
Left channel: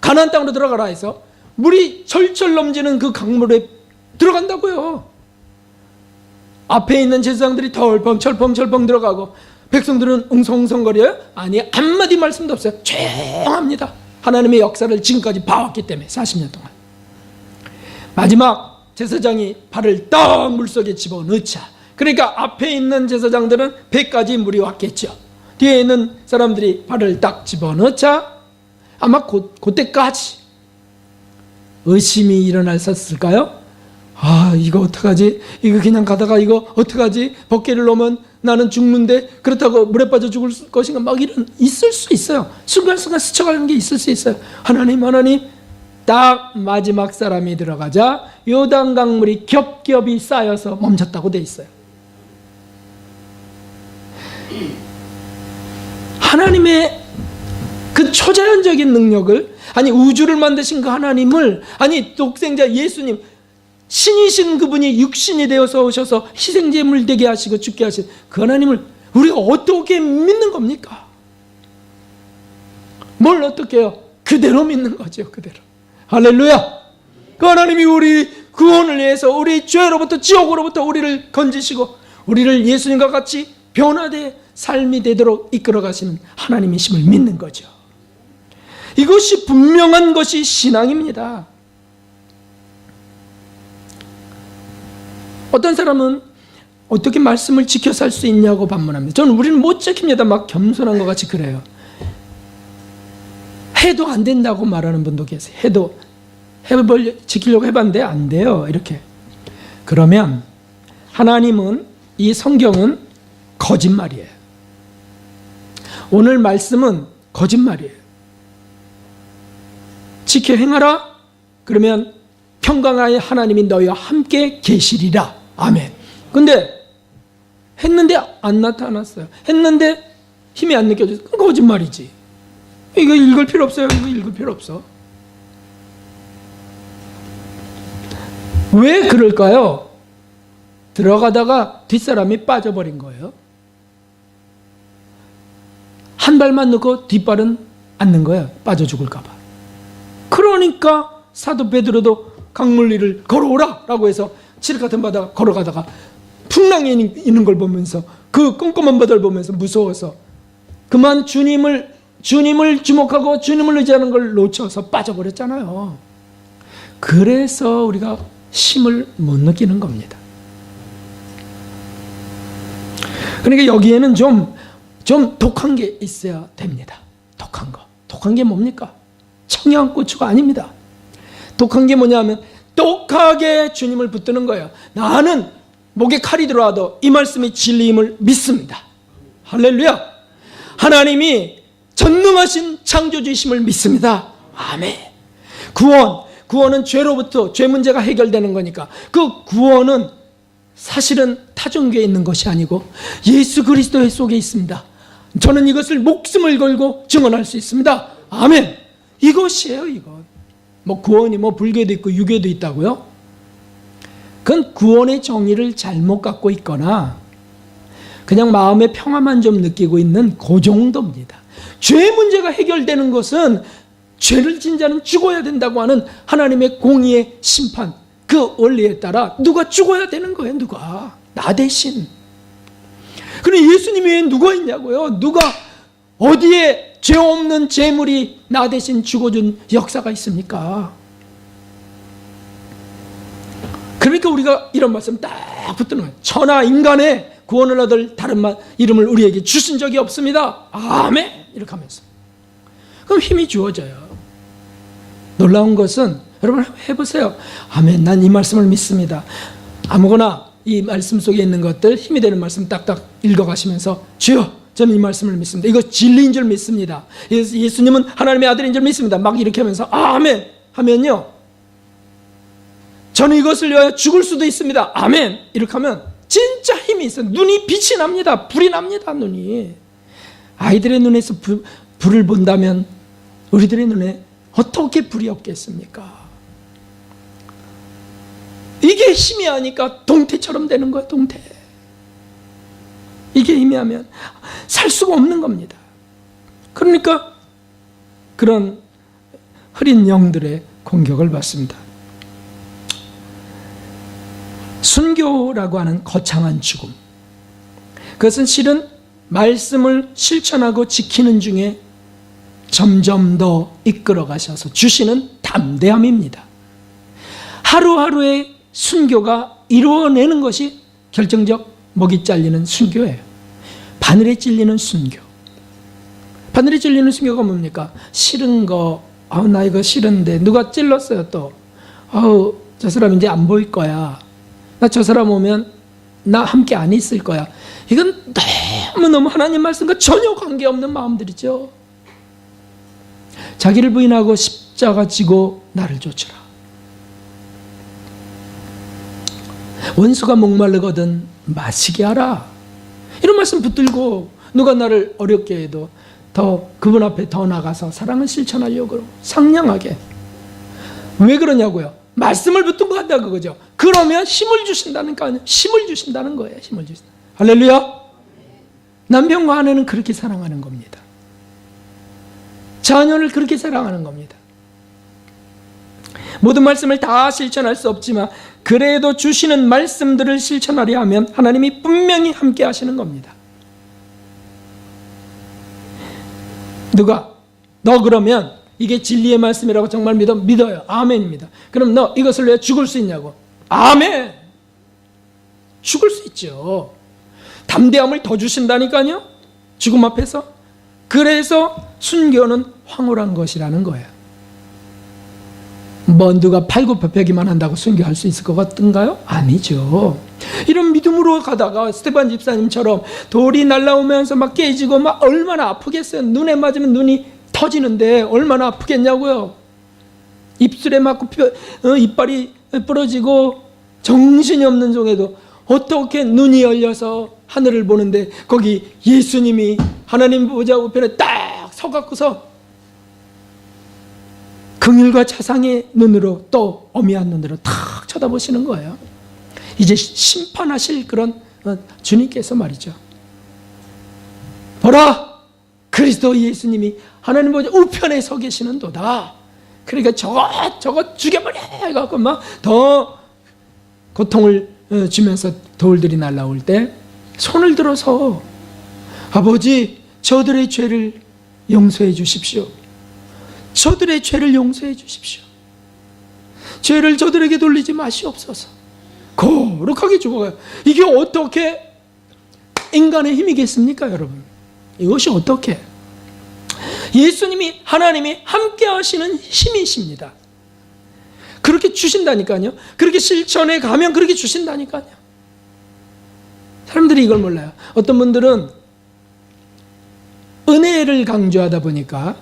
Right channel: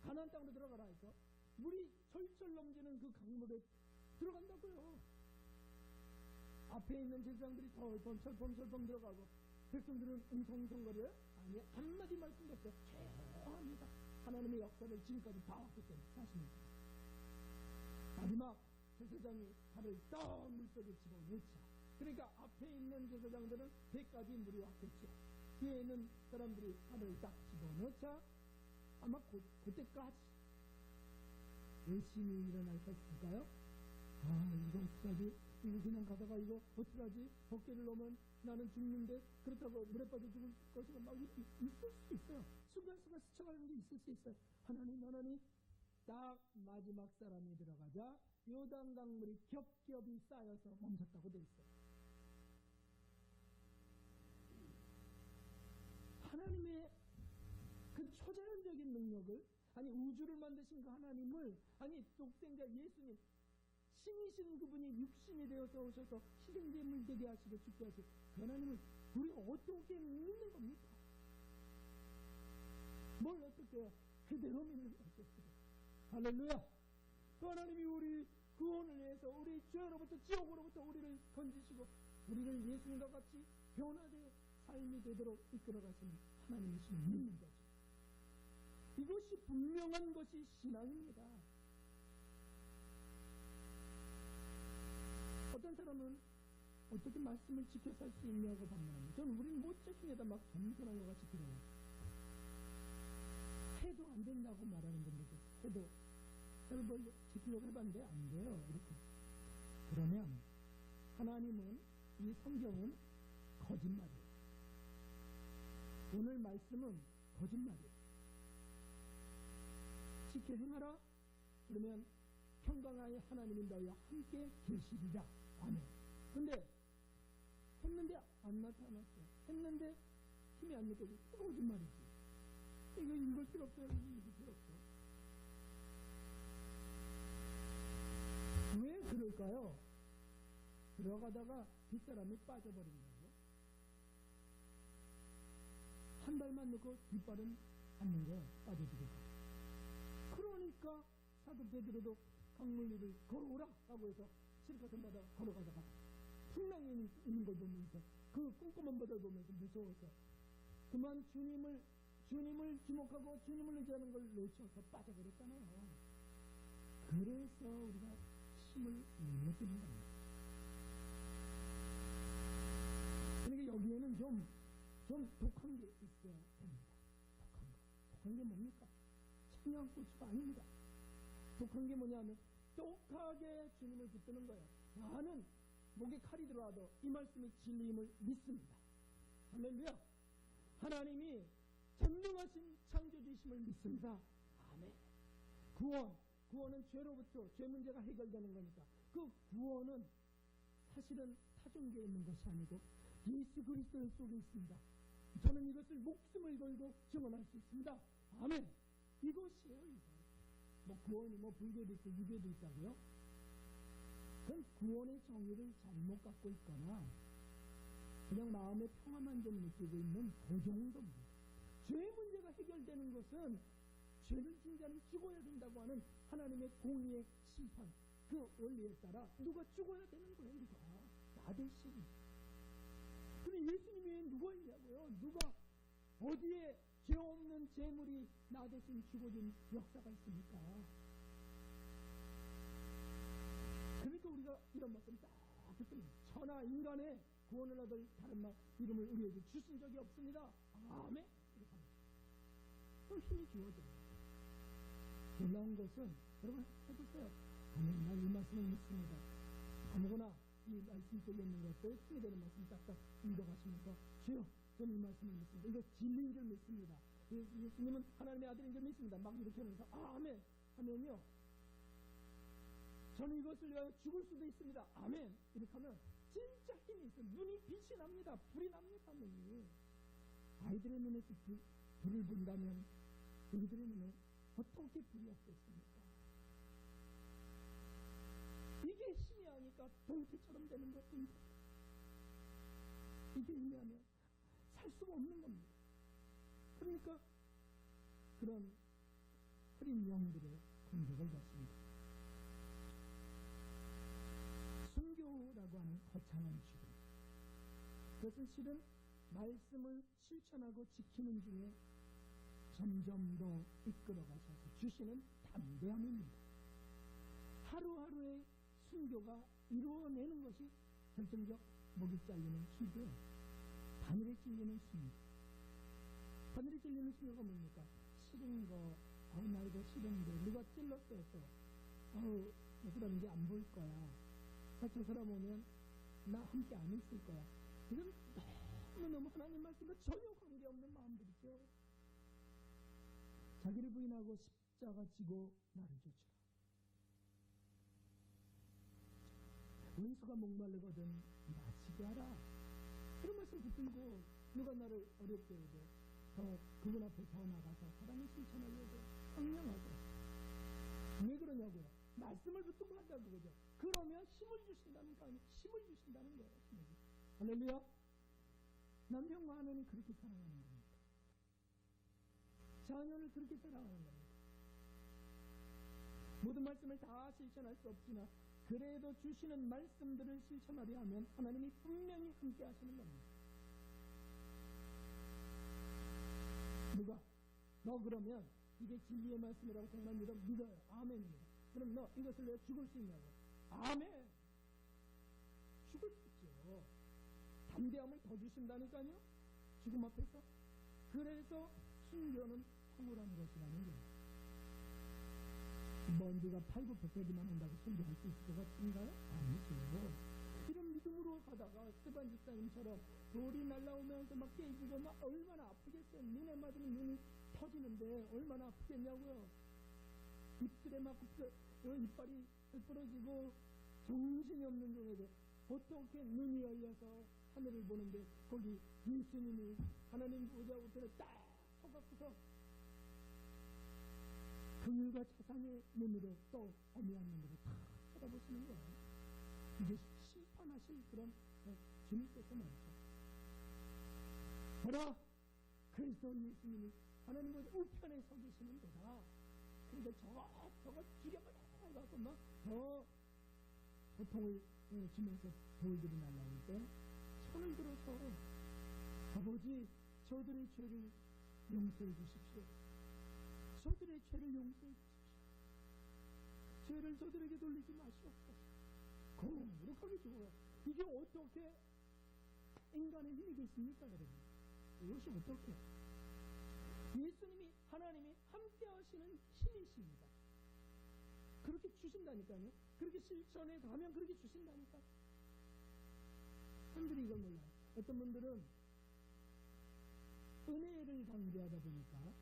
가나안 땅으로 들어가라 해서 물이 철철 넘치는 그 강물에 들어간다고요. 앞에 있는 제사장들이 철펑 들어가고 백성들은 웅성웅성거려요? 아니, 한마디 말씀도 없어요. 조용합니다. 하나님의 역사를 지금까지 봐왔기 때문에 40년 동안. 마지막 제사장이 발을 딱 물속에 집어넣자. 그러니까 앞에 있는 제사장들은 배까지 물이 왔겠죠. 뒤에 있는 사람들이 발을 딱 집어넣자 아마 그때까지 의심이 일어났었을까요? 아, 이거 어떡하지? 이거 그냥 가다가 이거 어떡하지? 법궤를 놓으면 나는 죽는데 그렇다고 물에 빠져 죽을 것인가? 막 이런 있을 수 있어요. 순간순간 스쳐가는 게 있을 수 있어요. 하나님 딱 마지막 사람이 들어가자 요단강물이 겹겹이 쌓여서 멈췄다고 돼 있어요. 하나님의 그 초자연적인 능력을, 아니 우주를 만드신 그 하나님을, 아니 독생자 예수님, 신이신 그분이 육신이 되어서 오셔서 희생제물 되게 하시고 죽게 하신 그 하나님을 우리가 어떻게 믿는 겁니까? 뭘 어떻게 해요? 그대로 믿는 거죠. 그대로. 할렐루야. 그 하나님이 우리 구원을 위해서 우리 죄로부터, 지옥으로부터 우리를 건지시고 우리를 예수님과 같이 변화된 삶이 되도록 이끌어 가시는 하나님이심을 믿는 거죠. 이것이 분명한 것이 신앙입니다. 어떤 사람은 어떻게 말씀을 지켜 살 수 있냐고 반문합니다. 저는 우리는 못 지킵니다. 막 겸손한 것 같이 그래요. 해도 안 된다고 말하는 분도 계세요. 지키려고 해봤는데 안 돼요. 이렇게. 그러면 하나님은, 이 성경은 거짓말이에요. 오늘 말씀은 거짓말이에요. 지켜 행하라. 그러면 평강하여 하나님이 너희와 함께 계시리라. 아멘. 근데 했는데 안 나타났어요. 했는데 힘이 안 느껴져서 거짓말이지. 이거 읽을 필요 없어요. 이거 읽을 필요 없어. 왜 그럴까요? 들어가다가 뒷사람이 빠져버린 거예요. 한 발만 넣고 뒷발은 안 넣은 거예요. 빠져 죽을까 봐. 그러니까 사도 베드로도 강물 위를 걸어오라 라고 해서 칠 같은 바다 걸어가다가 풍랑이 있는 걸 보면서, 그 꼼꼼한 바다를 보면서 무서워서 그만 주님을 주목하고 주님을 의지하는 걸 놓쳐서 빠져버렸잖아요. 그래서 우리가 힘을 못 느끼는 겁니다. 그러니까 여기에는 좀 독한 게 있어야 됩니다. 독한 거. 독한 게 뭡니까? 청양고추가 아닙니다. 독한 게 뭐냐면 독하게 주님을 붙드는 거예요. 나는 목에 칼이 들어와도 이 말씀이 진리임을 믿습니다. 할렐루야. 하나님이 전능하신 창조주이심을 믿습니다. 아멘. 구원은 죄로부터, 죄 문제가 해결되는 거니까 그 구원은 사실은 타종교에 있는 것이 아니고 예수 그리스도의 속에 있습니다. 저는 이것을 목숨을 걸고 증언할 수 있습니다. 아멘. 이것이에요, 이것. 구원이 불교도 있고 유교도 있다고요? 그건 구원의 정의를 잘못 갖고 있거나 그냥 마음의 평화만 좀 느끼고 있는 그 정도입니다. 죄 문제가 해결되는 것은 죄를 진 자는 죽어야 된다고 하는 하나님의 공의의 심판, 그 원리에 따라 누가 죽어야 되는 거예요. 누가. 나 대신. 그럼 예수님 외에 누가 있냐고요? 누가 어디에 죄 없는 제물이 나 대신 죽어준 역사가 있습니까? 그러니까 우리가 이런 말씀 딱 붙드는 거예요. 천하 인간의 구원을 얻을 다른 이름을 우리에게 주신 적이 없습니다. 아멘! 이렇게 하면서. 그럼 힘이 주어져요. 놀라운 것은 여러분 해보세요. 아멘, 난 이 말씀을 믿습니다. 아무거나 이 말씀 속에 있는 것들, 힘이 되는 말씀 딱딱 읽어가시면서 주여, 저는 이 말씀을 믿습니다. 이거 진리인 줄 믿습니다. 예수님은 하나님의 아들인 줄 믿습니다. 막 이렇게 하면서 아멘 하면요, 저는 이것을 위하여 죽을 수도 있습니다. 아멘. 이렇게 하면 진짜 힘이 있어요. 눈이 빛이 납니다. 불이 납니다. 눈이. 아이들의 눈에서 불을 본다면 우리들의 눈에 어떻게 불이 없겠습니까? 이게 힘이 하니까 동태처럼 되는 거야. 동태. 이게 힘이 하면 살 수가 없는 겁니다. 그러니까 그런 흐린 영들의 공격을 받습니다. 순교라고 하는 거창한 죽음, 그것은 실은 말씀을 실천하고 지키는 중에 점점 더 이끌어 가셔서 주시는 담대함입니다. 하루하루의 순교가 이루어내는 것이 결정적 목이 잘리는 순교예요. 바늘에 찔리는 순교. 바늘에 찔리는 순교가 뭡니까? 싫은 거, 나 이거 싫은데 누가 찔렀어요 또. 저 사람 이제 안 보일 거야. 나 저 사람 오면 나 함께 안 있을 거야. 이건 너무너무 하나님 말씀과 전혀 관계없는 마음들이죠. 자기를 부인하고 십자가 지고 나를 쫓으라. 원수가 목마르거든 마시게 하라. 이런 말씀 붙들고 누가 나를 어렵게 해도 더 그분 앞에 더 나가서 사랑을 실천하려고 상냥하게. 왜 그러냐고요? 말씀을 붙들고 간다 그거죠. 그러면 힘을 주신다니까요. 힘을 주신다는 거예요. 힘을 주신다. 할렐루야. 남편과 아내는 그렇게 사랑하는 겁니다. 자녀를 그렇게 사랑하는 겁니다. 모든 말씀을 다 실천할 수 없지만 그래도 주시는 말씀들을 실천하려 하면 하나님이 분명히 함께 하시는 겁니다. 누가 너 그러면 이게 진리의 말씀이라고 정말 믿어요. 아멘입니다. 그럼 너 이것을 왜 죽을 수 있냐고. 아멘. 죽을 수 있죠. 담대함을 더 주신다니까요. 죽음 앞에서. 그래서 순교는 황홀한 것이라는 거예요. 누가 팔굽혀펴기만 한다고 순교할 수 있을 것 같은가요? 아니죠. 이런 믿음으로 가다가 스테반 집사님처럼 돌이 날아오면서 막 깨지고 막 얼마나 아프겠어요. 눈에 맞으면 눈이 터지는데 얼마나 아프겠냐고요. 입술에 맞고 이빨이 부러지고 정신이 없는 중에도 어떻게 눈이 열려서 하늘을 보는데 거기 예수님이 하나님 보좌 우편에 딱 서갖고서 긍휼과 자상의 눈으로 또 어미한 눈으로 탁 쳐다보시는 거예요. 이제 심판하실 그런 주님께서 말이죠. 보라, 그리스도 예수님이 하나님 보좌 우편에 서 계시는 도다. 그러니까 저거 죽여버려 해갖고 막 더 고통을 주면서 돌들이 날아올 때 손을 들어서 아버지, 저들의 죄를 용서해 주십시오. 저들의 죄를 용서해 주십시오. 죄를 저들에게 돌리지 마시옵소서. 거룩하게 죽어가요. 이게 어떻게 인간의 힘이겠습니까, 여러분? 이것이 어떻게? 예수님이, 하나님이 함께 하시는 힘이십니다. 그렇게 주신다니까요. 그렇게 실천해 가면 그렇게 주신다니까요. 사람들이 이걸 몰라요. 어떤 분들은 은혜를 강조하다 보니까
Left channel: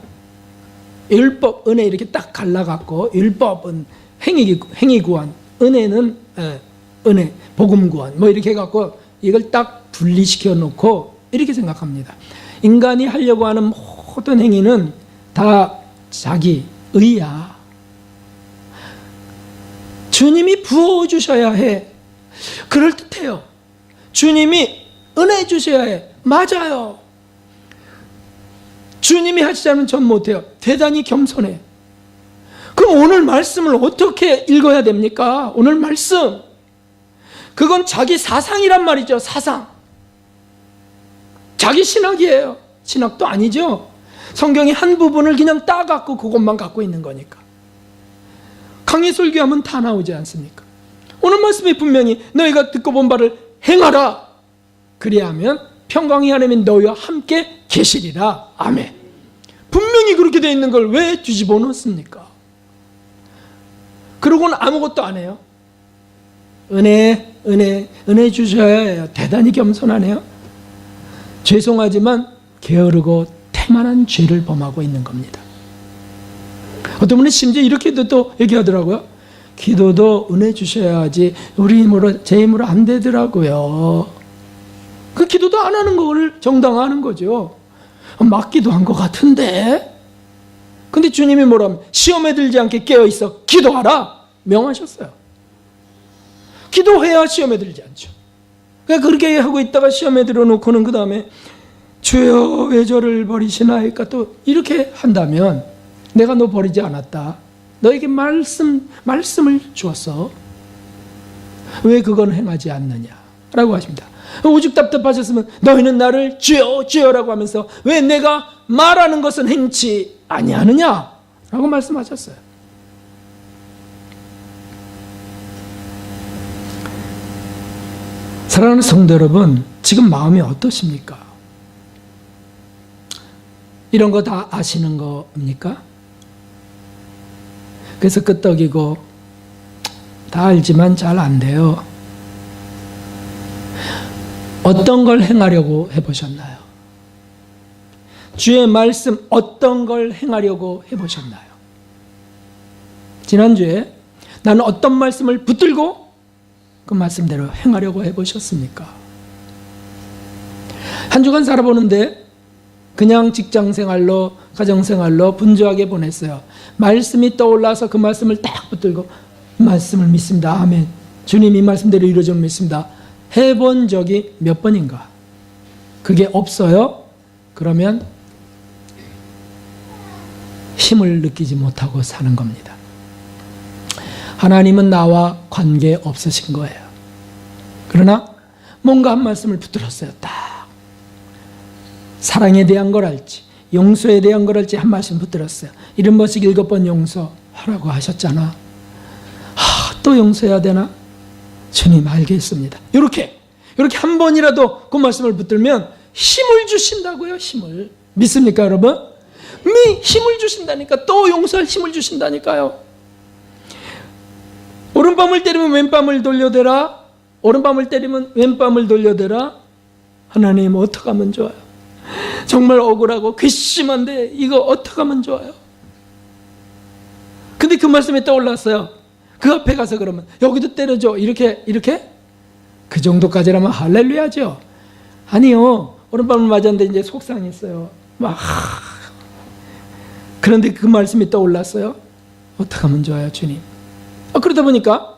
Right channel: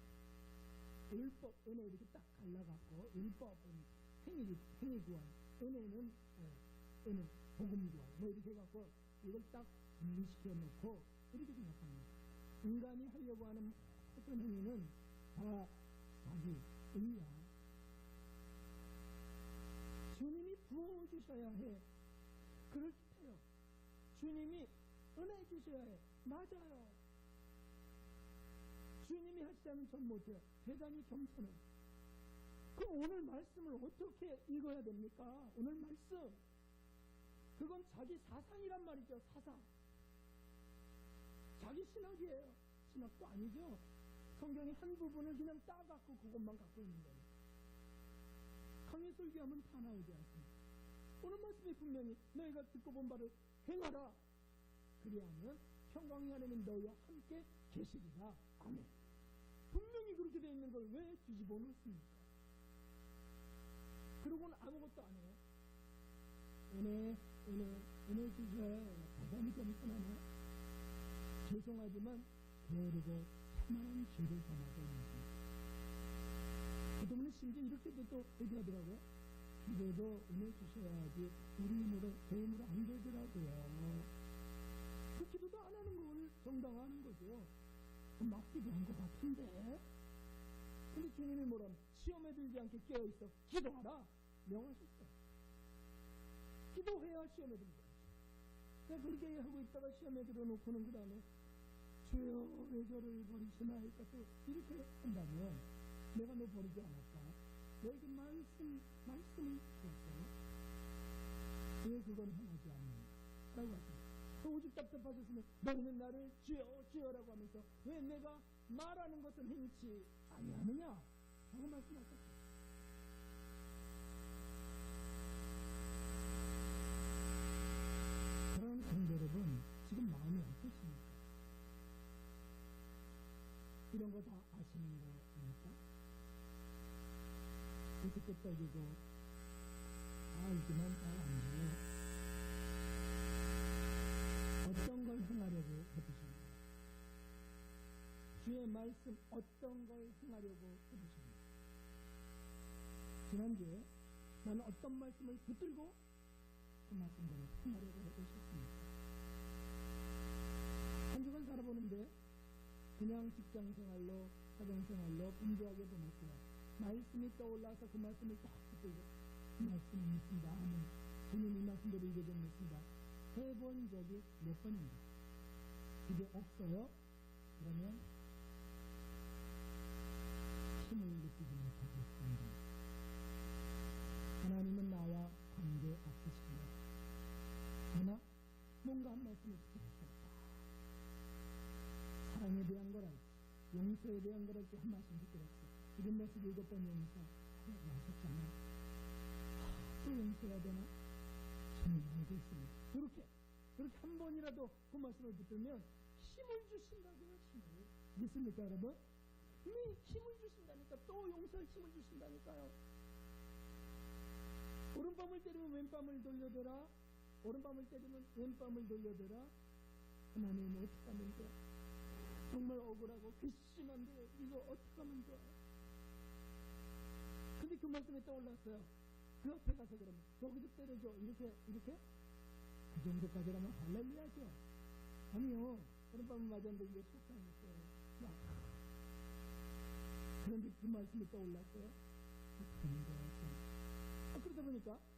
율법, 은혜 이렇게 딱 갈라갖고 율법은 행위 구원, 은혜는 은혜, 복음 구원 뭐 이렇게 해갖고 이걸 딱 분리시켜 놓고 이렇게 생각합니다. 인간이 하려고 하는 모든 행위는 다 자기 의야. 주님이 부어주셔야 해. 그럴듯해요. 주님이 은혜 주셔야 해. 맞아요. 주님이 하시지 않으면 전 못해요. 대단히 겸손해. 그럼 오늘 말씀을 어떻게 읽어야 됩니까? 오늘 말씀. 그건 자기 사상이란 말이죠. 사상. 자기 신학이에요. 신학도 아니죠. 성경의 한 부분을 그냥 따갖고 그것만 갖고 있는 거니까. 강의 설교하면 다 나오지 않습니까? 오늘 말씀이 분명히 너희가 듣고 본 바를 행하라. 그리하면 평강의 하나님이 너희와 함께 계시리라. 아멘. 분명히 그렇게 되어 있는 걸 왜 뒤집어 놓습니까? 그러고는 아무것도 안 해요. 은혜 주셔야 해요. 대단히 겸손하네요. 죄송하지만 게으르고 태만한 죄를 범하고 있는 겁니다. 어떤 분은 심지어 이렇게도 또 얘기하더라고요. 기도도 은혜 주셔야 하지 우리 힘으로 제 힘으로 안 되더라고요. 그 기도도 안 하는 걸 정당화하는 거죠. 맞기도 한 것 같은데. 근데 주님이 뭐라면 시험에 들지 않게 깨어있어 기도하라 명하셨어요. 기도해야 시험에 들지 않죠. 그러니까 그렇게 하고 있다가 시험에 들어놓고는 그 다음에 주여 왜 저를 버리시나이까 또 이렇게 한다면 내가 너 버리지 않았다. 너에게 말씀을 주었어. 왜 그건 행하지 않느냐라고 하십니다. 오직 답답하셨으면 너희는 나를 주여 주여라고 하면서 왜 내가 말하는 것은 행치 아니하느냐라고 말씀하셨어요. 사랑하는 성도 여러분, 지금 마음이 어떠십니까? 이런 거 다 아시는 겁니까? 그래서 끄떡이고 다 알지만 잘 안 돼요. 어떤 걸 행하려고 해보셨나요? 주의 말씀 어떤 걸 행하려고 해보셨나요? 지난주에 나는 어떤 말씀을 붙들고 그 말씀대로 행하려고 해보셨습니까? 한 주간 살아보는데 그냥 직장생활로 가정생활로 분주하게 보냈어요. 말씀이 떠올라서 그 말씀을 딱 붙들고 말씀을 믿습니다. 아멘. 주님 이 말씀대로 이루어져 믿습니다. 해본 적이 몇 번인가? 그게 없어요? 그러면 힘을 느끼지 못하고 사는 겁니다. 하나님은 나와 관계 없으신 거예요. 그러나 뭔가 한 말씀을 붙들었어요. 딱 사랑에 대한 걸 알지, 용서에 대한 걸 알지 한 말씀 붙들었어요. 70번씩 7번 용서하라고 하셨잖아. 또 용서해야 되나? 주님 알겠습니다. 이렇게 한 번이라도 그 말씀을 붙들면 힘을 주신다고요. 힘을 믿습니까 여러분? 힘을 주신다니까. 또 용서할 힘을 주신다니까요. 오른밤을 때리면 왼밤을 돌려대라. 오른밤을 때리면 왼밤을 돌려대라. 하나님 어떻게 하면 좋아요? 정말 억울하고 괘씸한데 이거 어떻게 하면 좋아요? 근데 그 말씀이 떠올랐어요. 그 앞에 가서 그러면 여기도 때려줘. 이렇게 그 정도까지라면 할렐루야죠. 아니요. 오른밤을 맞았는데 이제 속상했어요. 그런데 그 말씀이 떠올랐어요. 어떻게 하면 좋아요 주님? 그러다 보니까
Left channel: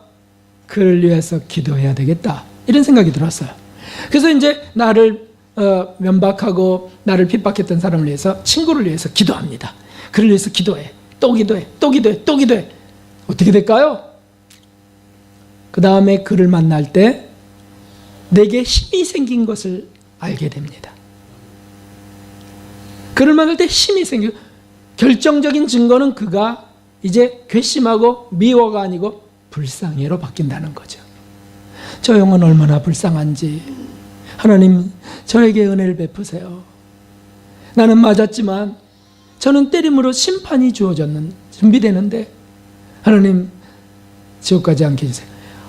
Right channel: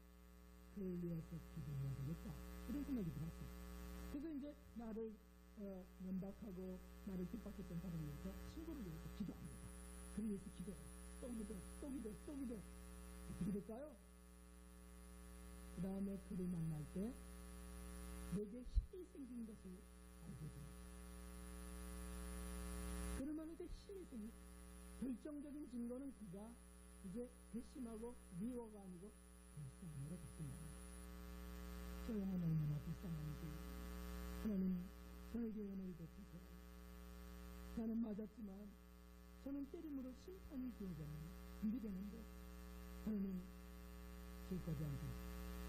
그를 위해서 기도해야 되겠다 이런 생각이 들었어요. 그래서 이제 나를 면박하고 나를 핍박했던 사람을 위해서, 친구를 위해서 기도합니다. 그를 위해서 기도해. 또 기도해. 또 기도해. 또 기도해. 어떻게 될까요? 그 다음에 그를 만날 때 내게 힘이 생긴 것을 알게 됩니다. 그를 만날 때 힘이 생기고, 결정적인 증거는 그가 이제 괘씸하고 미워가 아니고 불쌍해로 바뀐다는 거죠. 저 영혼 얼마나 불쌍한지 하나님 저에게 은혜를 베푸세요. 나는 맞았지만 저는 때림으로 심판이 주어졌는 준비되는데 하나님 지옥 가지 않게 해주세요.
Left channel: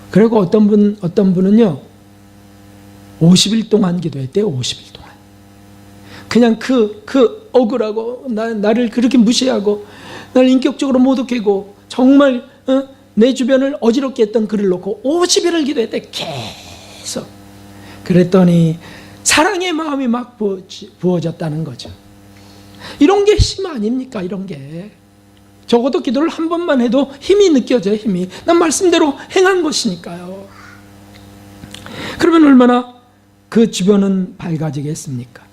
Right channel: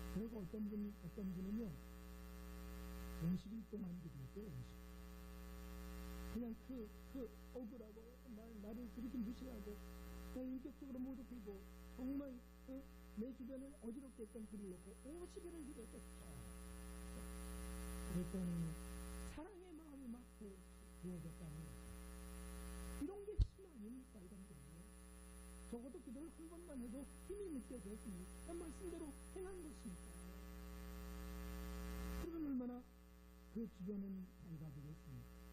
그리고 어떤 분은요 50일 동안 기도했대요. 50일 동안 그냥 그 억울하고 나를 그렇게 무시하고 나를 인격적으로 모독하고 정말 내 주변을 어지럽게 했던 그를 놓고 50일을 기도했대. 계속. 그랬더니 사랑의 마음이 막 부어졌다는 거죠. 이런 게 힘 아닙니까? 이런 게 적어도 기도를 한 번만 해도 힘이 느껴져요. 힘이. 난 말씀대로 행한 것이니까요. 그러면 얼마나 그 주변은 밝아지겠습니까?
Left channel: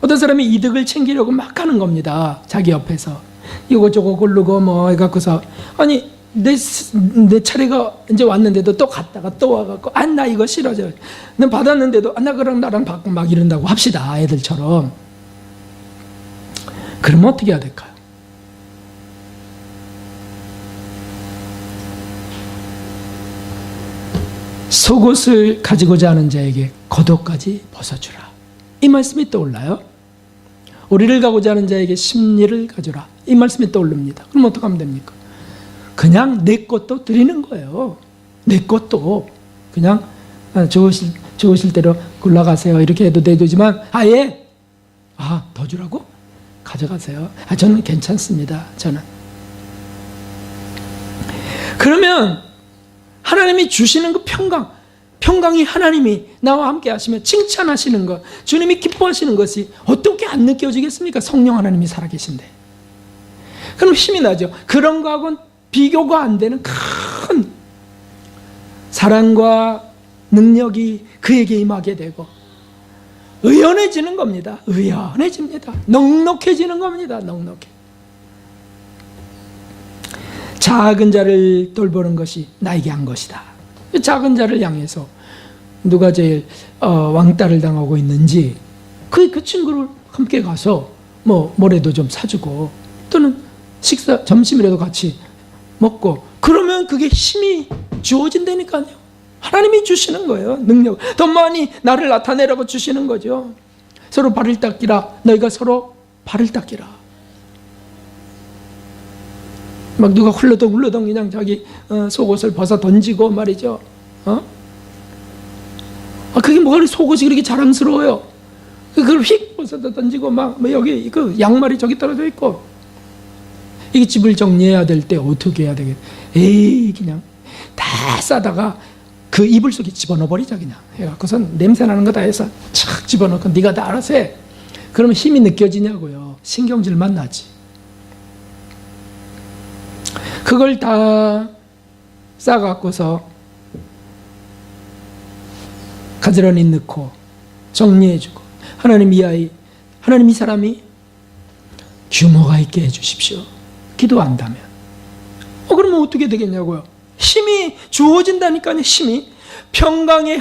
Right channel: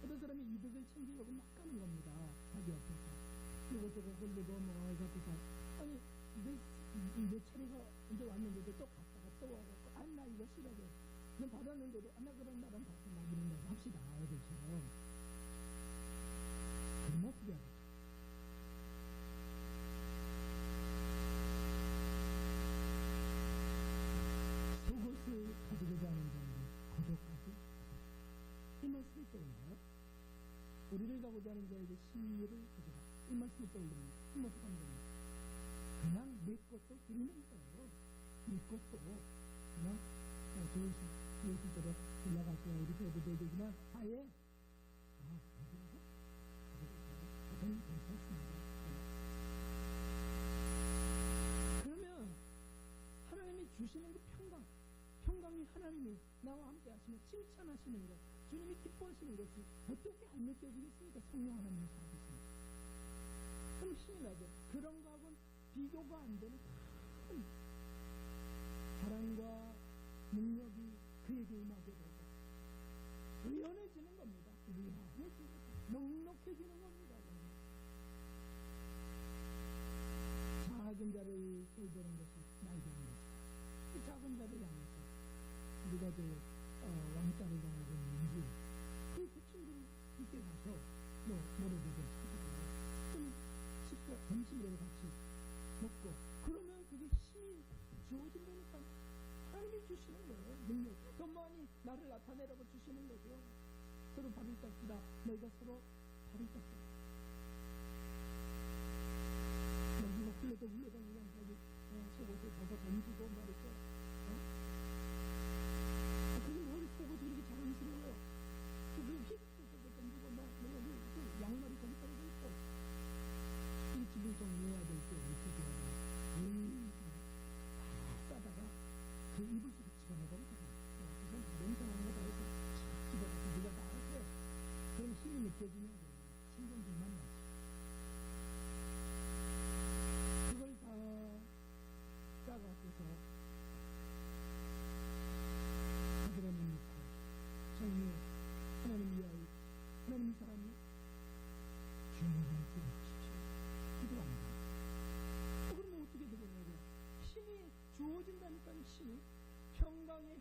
어떤 사람이 이득을 챙기려고 막 하는 겁니다. 자기 옆에서 이거저거 고르고 뭐 해갖고서, 아니 내 차례가 이제 왔는데도 또 갔다가 또 와갖고 나 이거 싫어져. 난 받았는데도 나 그랑 나랑 받고 막 이런다고 합시다. 애들처럼. 그러면 어떻게 해야 될까요? 속옷을 가지고자 하는 자에게 겉옷까지 벗어주라. 이 말씀이 떠올라요. 오리를 가고자 하는 자에게 심리를 가져라. 이 말씀이 떠오릅니다. 그럼 어떻게 하면 됩니까? 그냥 내 것도 드리는 거예요. 내 것도 그냥 좋으실 대로 굴러가세요. 이렇게 해도 되지만 아예 더 주라고? 가져가세요. 저는 괜찮습니다. 저는. 그러면 하나님이 주시는 그 평강이 하나님이 나와 함께 하시면 칭찬하시는 것, 주님이 기뻐하시는 것이 어떻게 안 느껴지겠습니까? 성령 하나님이 살아계신데. 그럼 힘이 나죠. 그런 거하고는 비교가 안 되는 큰 사랑과 능력이 그에게 임하게 되고 의연해지는 겁니다. 의연해집니다. 넉넉해지는 겁니다. 넉넉해. 작은 자를 돌보는 것이 나에게 한 것이다. 작은 자를 향해서 누가 제일 왕따를 당하고 있는지 그 친구를 함께 가서 뭐라도 좀 사주고 또는 점심이라도 같이 먹고 그러면 그게 힘이 주어진다니까요. 하나님이 주시는 거예요. 능력. 더 많이 나를 나타내라고 주시는 거죠. 서로 발을 닦기라. 너희가 서로 발을 닦기라. 막 누가 훌러덩 그냥 자기 속옷을 벗어 던지고 말이죠. 그게 뭐가 속옷이 그렇게 자랑스러워요. 그걸 휙 벗어 던지고 막 여기 그 양말이 저기 떨어져 있고 이게 집을 정리해야 될 때 어떻게 해야 되겠? 그냥 다 싸다가 그 이불 속에 집어넣어 버리자 그냥 해갖고선 냄새 나는 거 다 해서 착 집어넣고 네가 다 알아서 해. 그러면 힘이 느껴지냐고요. 신경질만 나지. 그걸 다 싸갖고서 가지런히 넣고 정리해주고 하나님 이 사람이 규모가 있게 해주십시오. 기도한다면 그러면 어떻게 되겠냐고요. 힘이 주어진다니까요. 힘이 평강의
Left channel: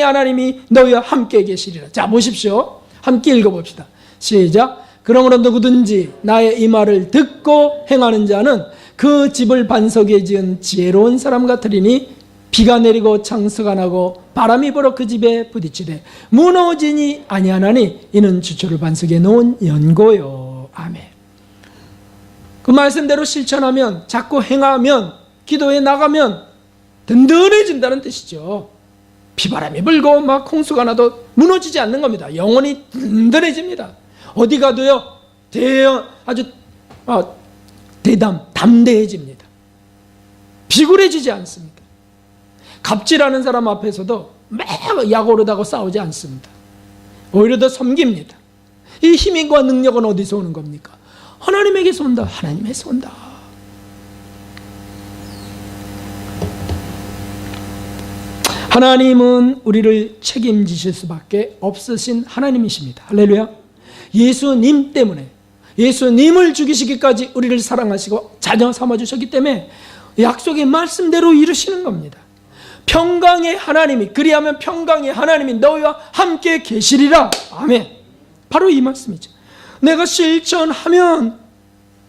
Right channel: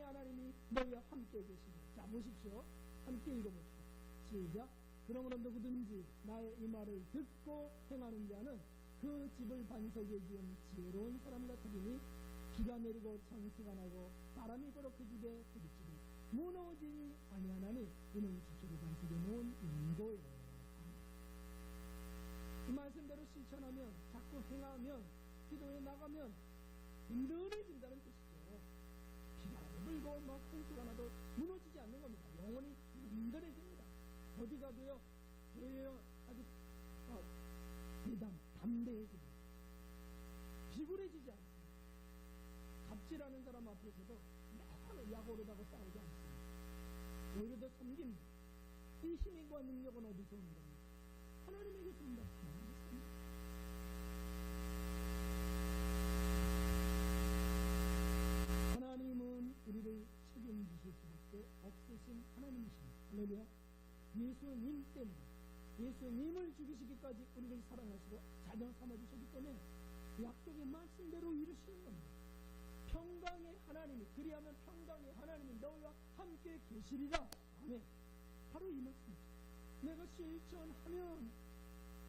하나님이 너희와 함께 계시리라. 자 보십시오. 함께 읽어봅시다. 시작. 그러므로 누구든지 나의 이 말을 듣고 행하는 자는 그 집을 반석에 지은 지혜로운 사람 같으리니 비가 내리고 창수가 나고 바람이 불어 그 집에 부딪히되 무너지니 아니하나니 이는 주초를 반석에 놓은 연고요. 아멘. 그 말씀대로 실천하면 자꾸 행하면 기도에 나가면 든든해진다는 뜻이죠. 비바람이 불고 막 홍수가 나도 무너지지 않는 겁니다. 영혼이 든든해집니다. 어디 가도요 아주 담대해집니다. 비굴해지지 않습니다. 갑질하는 사람 앞에서도 막 약오르다고 싸우지 않습니다. 오히려 더 섬깁니다. 이 힘과 능력은 어디서 오는 겁니까? 하나님에게서 온다. 하나님에서 온다. 하나님은 우리를 책임지실 수밖에 없으신 하나님이십니다. 할렐루야. 예수님 때문에 예수님을 죽이시기까지 우리를 사랑하시고 자녀 삼아주셨기 때문에 약속의 말씀대로 이루시는 겁니다. 평강의 하나님이 그리하면 평강의 하나님이 너희와 함께 계시리라. 아멘. 바로 이 말씀이죠. 내가 실천하면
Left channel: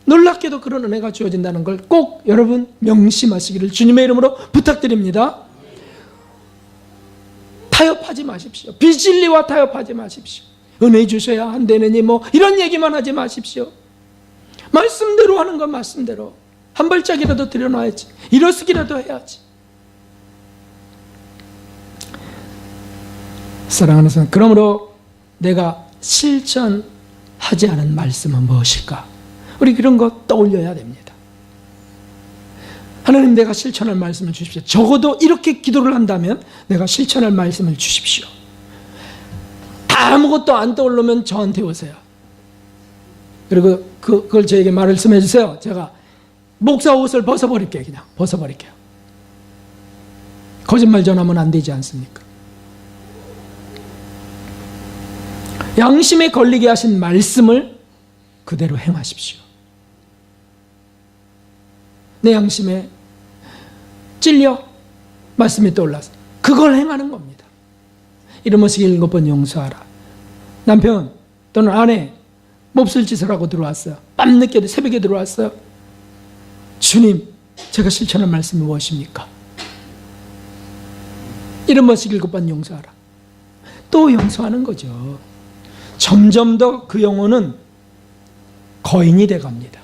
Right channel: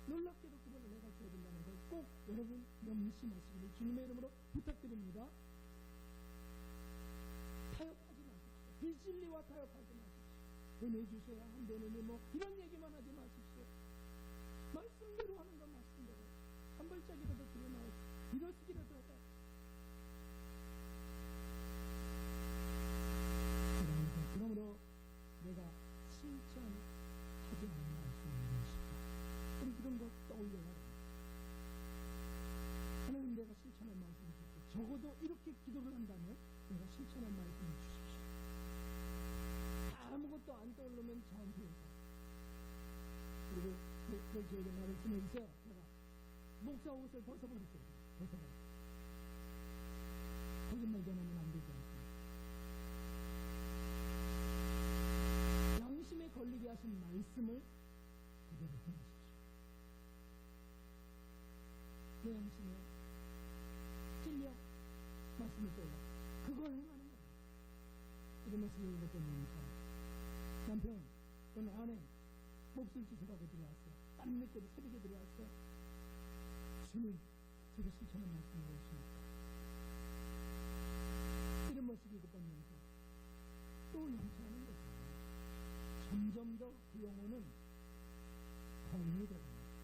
놀랍게도 그런 은혜가 주어진다는 걸 꼭 여러분 명심하시기를 주님의 이름으로 부탁드립니다. 타협하지 마십시오. 비진리와 타협하지 마십시오. 은혜 주셔야 한다느니 이런 얘기만 하지 마십시오. 말씀대로 하는 건 말씀대로 한 발짝이라도 들여놔야지. 일어서기라도 해야지. 사랑하는 성도, 그러므로 내가 실천하지 않은 말씀은 무엇일까? 우리 그런 거 떠올려야 됩니다. 하나님, 내가 실천할 말씀을 주십시오. 적어도 이렇게 기도를 한다면 내가 실천할 말씀을 주십시오. 아무것도 안 떠오르면 저한테 오세요. 그리고 그걸 저에게 말씀해 주세요. 제가 목사 옷을 벗어버릴게요. 그냥 벗어버릴게요. 거짓말 전하면 안 되지 않습니까? 양심에 걸리게 하신 말씀을 그대로 행하십시오. 내 양심에 찔려 말씀이 떠올라서 그걸 행하는 겁니다. 이러면서 7번 용서하라. 남편 또는 아내 몹쓸 짓을 하고 들어왔어요. 밤늦게 새벽에 들어왔어요. 주님, 제가 실천한 말씀이 무엇입니까? 이러면서 7번 용서하라. 또 용서하는 거죠. 점점 더 그 영혼은 거인이 돼갑니다.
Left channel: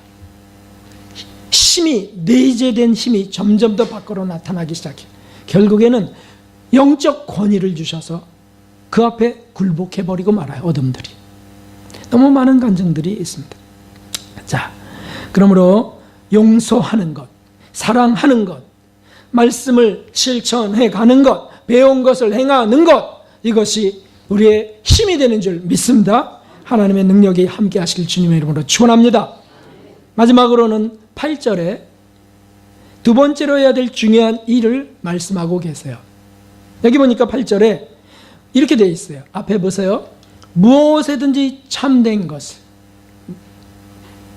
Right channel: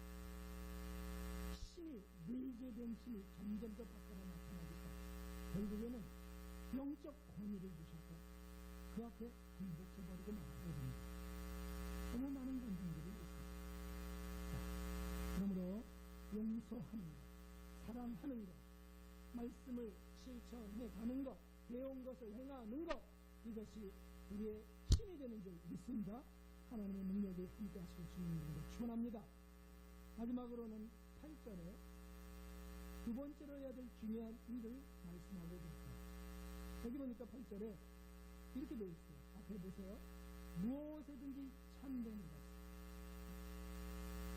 힘이, 내재된 힘이 점점 더 밖으로 나타나기 시작해요. 결국에는 영적 권위를 주셔서 그 앞에 굴복해버리고 말아요. 어둠들이. 너무 많은 감정들이 있습니다. 자, 그러므로 용서하는 것, 사랑하는 것, 말씀을 실천해 가는 것, 배운 것을 행하는 것, 이것이 우리의 힘이 되는 줄 믿습니다. 하나님의 능력이 함께 하실 주님의 이름으로 축원합니다. 마지막으로는 8절에 두 번째로 해야 될 중요한 일을 말씀하고 계세요. 여기 보니까 8절에 이렇게 되어 있어요. 앞에 보세요. 무엇에든지 참된 것을.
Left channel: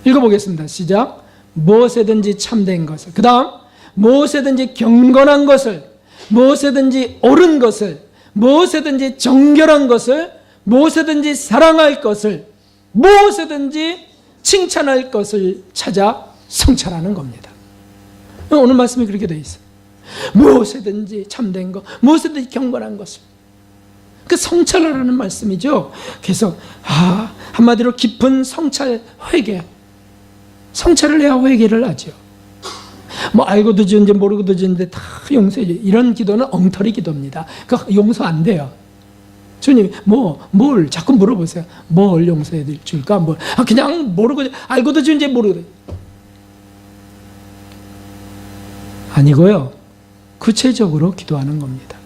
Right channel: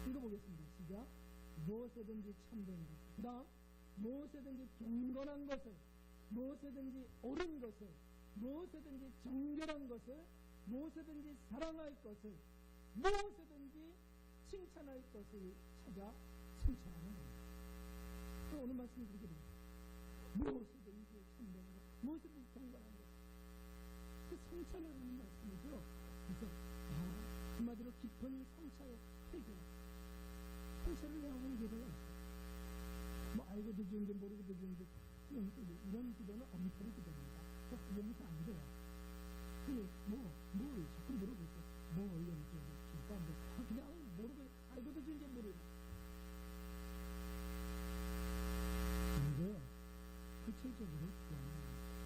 읽어보겠습니다. 시작. 무엇에든지 참된 것을. 그 다음 무엇에든지 경건한 것을, 무엇에든지 옳은 것을, 무엇에든지 정결한 것을, 무엇에든지 사랑할 것을, 무엇에든지 칭찬할 것을 찾아 성찰하는 겁니다. 오늘 말씀이 그렇게 되어 있어요. 무엇에든지 참된 것, 무엇에든지 경건한 것을. 그 성찰하라는 말씀이죠. 그래서 한마디로 깊은 성찰 회개. 성찰을 해야 회개를 하죠. 뭐 알고도 지은지 모르고도 지은데 다 용서해 줘요. 이런 기도는 엉터리 기도입니다. 그 용서 안 돼요. 주님, 뭘 자꾸 물어보세요. 뭘 용서해 줄까? 그냥 모르고 알고도 지은지 모르고. 아니고요. 구체적으로 기도하는 겁니다.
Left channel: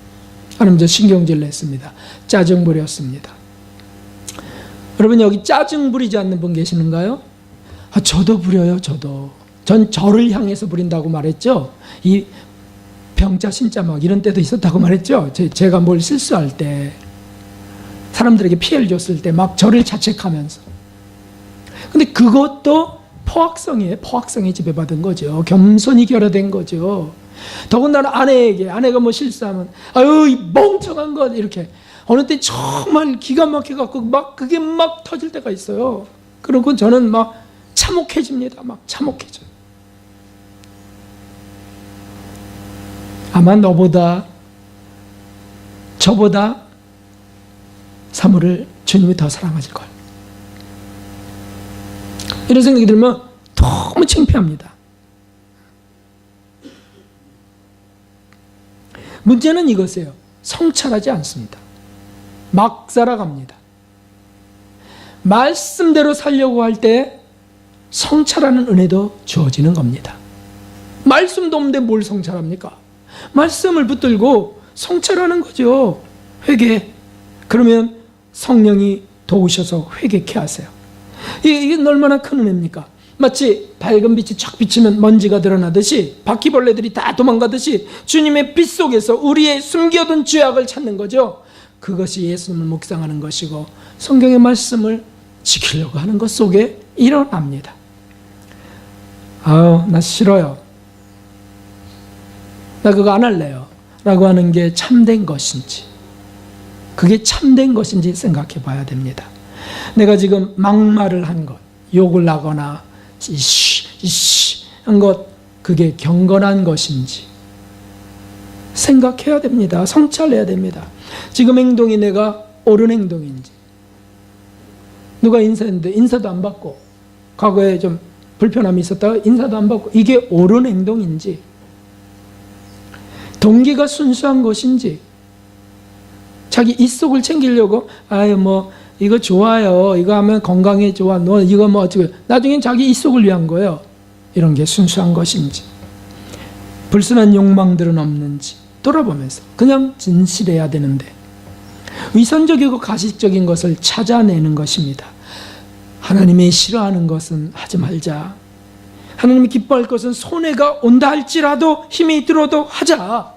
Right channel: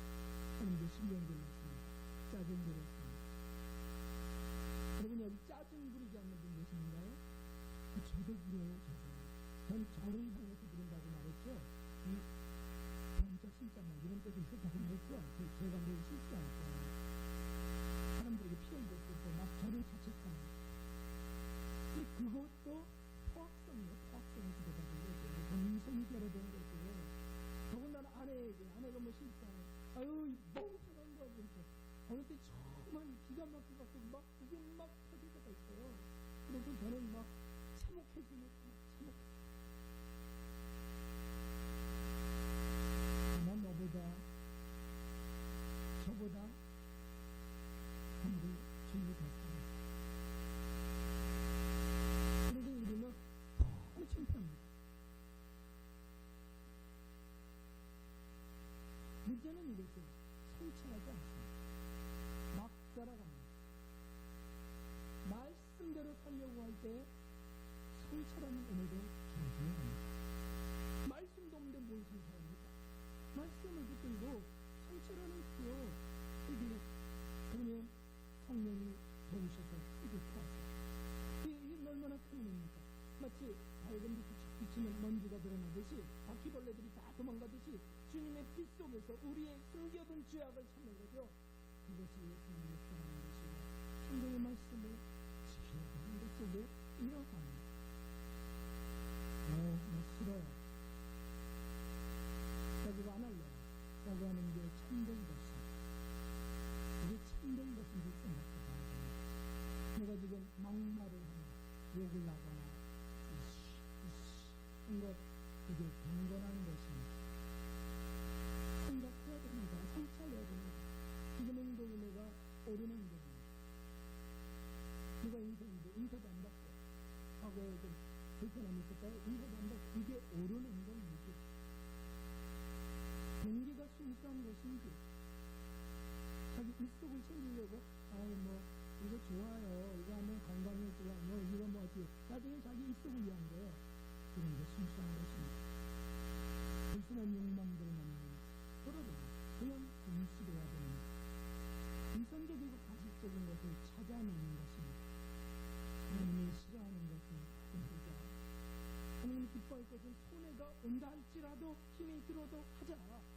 하나님, 저 신경질 냈습니다. 짜증 부렸습니다. 여러분, 여기 짜증 부리지 않는 분 계시는가요? 저도 부려요. 전 저를 향해서 부린다고 말했죠. 이 병자 신자 막 이런 때도 있었다고 말했죠. 제가 뭘 실수할 때, 사람들에게 피해를 줬을 때 막 저를 자책하면서. 근데 그것도 포악성이에요. 포악성에 지배받은 거죠. 겸손이 결여된 거죠. 더군다나 아내가 뭐 실수하면 아유 이 멍청한 것, 이렇게 어느 때 정말 기가 막혀갖고 막 그게 막 터질 때가 있어요. 그리고 저는 막 참혹해집니다. 막 참혹해져요. 아마 저보다 사무를 주님이 더 사랑하실 거예요. 이런 생각이 들면 너무 창피합니다. 문제는 이것이에요. 성찰하지 않습니다. 막 살아갑니다. 말씀대로 살려고 할 때 성찰하는 은혜도 주어지는 겁니다. 말씀도 없는데 뭘 성찰합니까? 말씀을 붙들고 성찰하는 거죠. 회개. 그러면 성령이 도우셔서 회개케 하세요. 이게 얼마나 큰 은혜입니까? 마치 밝은 빛이 쫙 비치면 먼지가 드러나듯이, 바퀴벌레들이 다 도망가듯이 주님의 빛 속에서 우리의 숨겨둔 죄악을 찾는 거죠. 그것이 예수님을 묵상하는 것이고 성경의 말씀을 지키려고 하는 것 속에 일어납니다. 나 싫어요. 나 그거 안 할래요. 라고 하는 게 참된 것인지, 그게 참된 것인지 생각해 봐야 됩니다. 내가 지금 막말을 한 것, 욕을 하거나 이씨 한 것, 그게 경건한 것인지 생각해야 됩니다. 성찰해야 됩니다. 지금 행동이 내가 옳은 행동인지, 누가 인사했는데 인사도 안 받고, 과거에 좀 불편함이 있었다가 인사도 안 받고, 이게 옳은 행동인지, 동기가 순수한 것인지, 자기 입속을 챙기려고 이거 좋아요, 이거 하면 건강에 좋아, 너 이거 어쩌고, 나중엔 자기 입속을 위한 거예요. 이런 게 순수한 것인지, 불순한 욕망들은 없는지 돌아보면서 그냥 진실해야 되는데, 위선적이고 가식적인 것을 찾아내는 것입니다. 하나님이 싫어하는 것은 하지 말자. 하나님이 기뻐할 것은 손해가 온다 할지라도, 힘이 들어도 하자.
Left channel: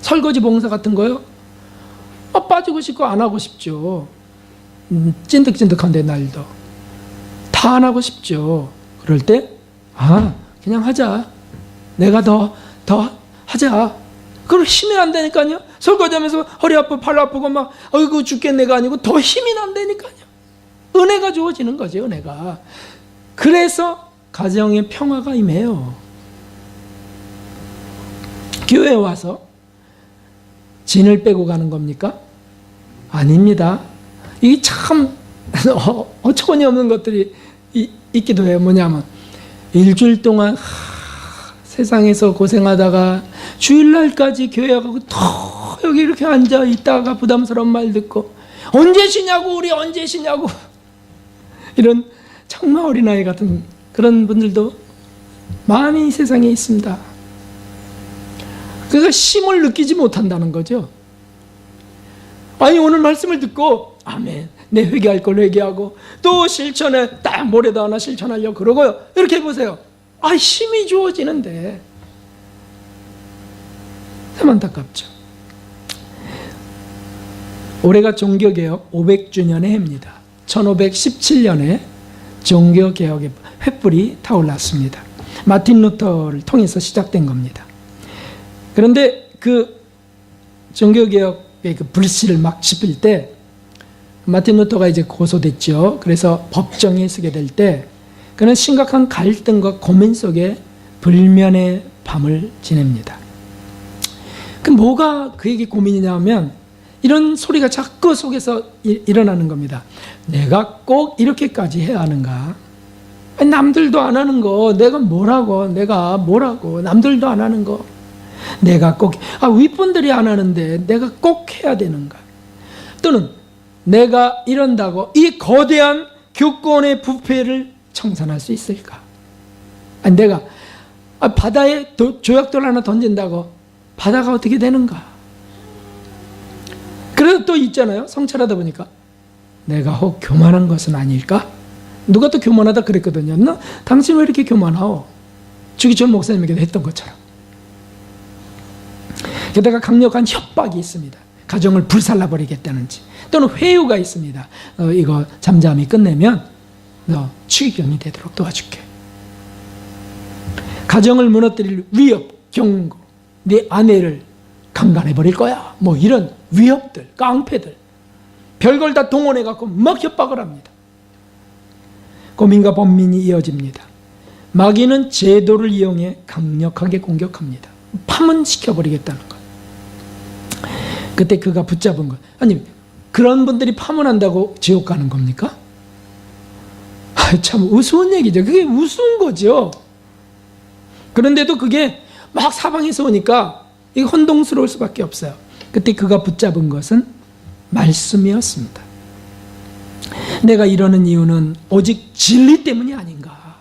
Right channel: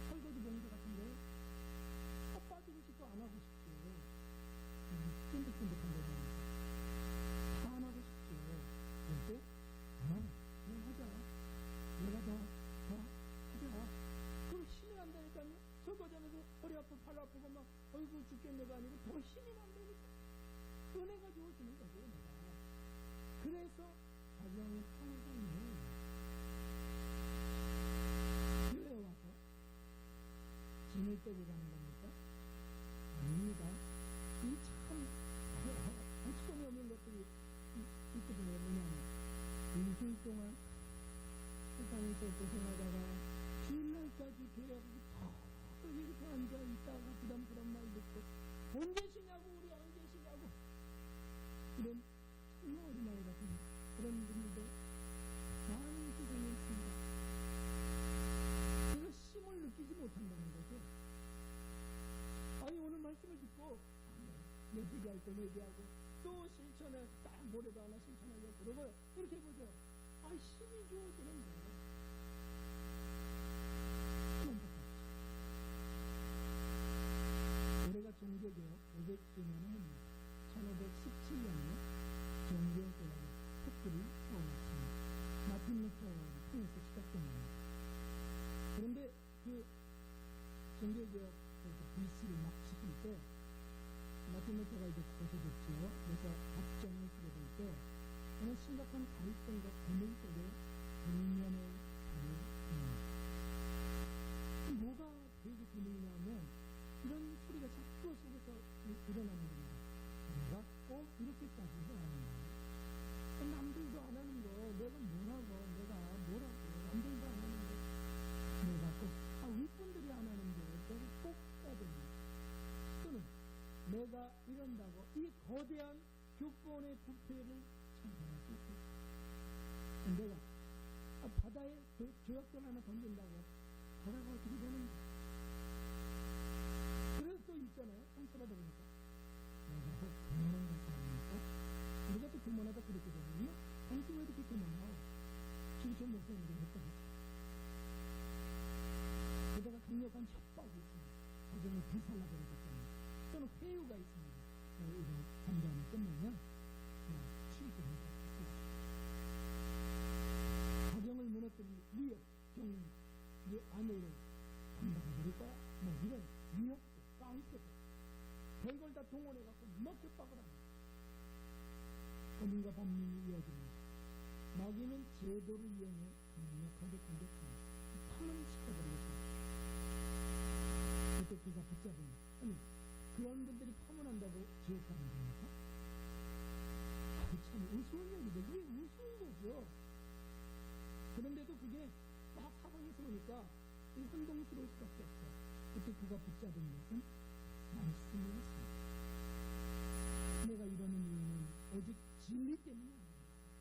설거지 봉사 같은 거요? 빠지고 싶고 안 하고 싶죠. 찐득찐득한데 날도 다 안 하고 싶죠. 그럴 때 그냥 하자. 내가 더 하자. 그걸 힘이 안 되니까요. 설거지하면서 허리 아프고 팔 아프고 막 어이구 죽겠네가 아니고 더 힘이 안 되니까요. 은혜가 주어지는 거죠. 은혜가. 그래서 가정의 평화가 임해요. 교회에 와서 진을 빼고 가는 겁니까? 아닙니다. 이게 참 어처구니 없는 것들이 있기도 해요. 뭐냐면 일주일 동안 세상에서 고생하다가 주일날까지 교회 가고 더 여기 이렇게 앉아 있다가 부담스러운 말 듣고 언제 쉬냐고, 우리 언제 쉬냐고, 이런 정말 어린아이 같은 그런 분들도 많이 세상에 있습니다. 그래서 쉼을 느끼지 못한다는 거죠. 아니 오늘 말씀을 듣고 아멘, 내 회개할 걸 회개하고 또 실천에 딱 모레도 하나 실천하려고 그러고요. 이렇게 해보세요. 힘이 주어지는데 참 안타깝죠. 올해가 종교개혁 500주년의 해입니다. 1517년에 종교개혁의 횃불이 타올랐습니다. 마틴 루터를 통해서 시작된 겁니다. 그런데 그 종교개혁의 그 불씨를 막 지필 때 마틴 루터가 이제 고소됐죠. 그래서 법정에 서게 될 때 그는 심각한 갈등과 고민 속에 불면의 밤을 지냅니다. 그 뭐가 그에게 고민이냐면 이런 소리가 자꾸 속에서 일어나는 겁니다. 내가 꼭 이렇게까지 해야 하는가? 아니, 남들도 안 하는 거 내가 뭐라고, 남들도 안 하는 거 내가 꼭, 윗분들이 안 하는데 내가 꼭 해야 되는가? 또는 내가 이런다고 이 거대한 교권의 부패를 청산할 수 있을까? 아니, 내가 바다에 조약돌 하나 던진다고 바다가 어떻게 되는가? 그래도 또 있잖아요. 성찰하다 보니까 내가 혹 교만한 것은 아닐까? 누가 또 교만하다 그랬거든요. 너 당신 왜 이렇게 교만하오? 주기철 목사님에게도 했던 것처럼. 게다가 강력한 협박이 있습니다. 가정을 불살라버리겠다는지, 또는 회유가 있습니다. 이거 잠잠히 끝내면 너 추기경이 되도록 도와줄게. 가정을 무너뜨릴 위협, 경고, 네 아내를 강간해버릴 거야. 뭐 이런 위협들, 깡패들, 별걸 다 동원해갖고 막 협박을 합니다. 고민과 번민이 이어집니다. 마귀는 제도를 이용해 강력하게 공격합니다. 파문시켜버리겠다는 것. 그때 그가 붙잡은 것. 아니, 그런 분들이 파문한다고 지옥 가는 겁니까? 참 우스운 얘기죠. 그게 우스운 거죠. 그런데도 그게 막 사방에서 오니까 이게 혼동스러울 수밖에 없어요. 그때 그가 붙잡은 것은 말씀이었습니다. 내가 이러는 이유는 오직 진리 때문이 아닌가?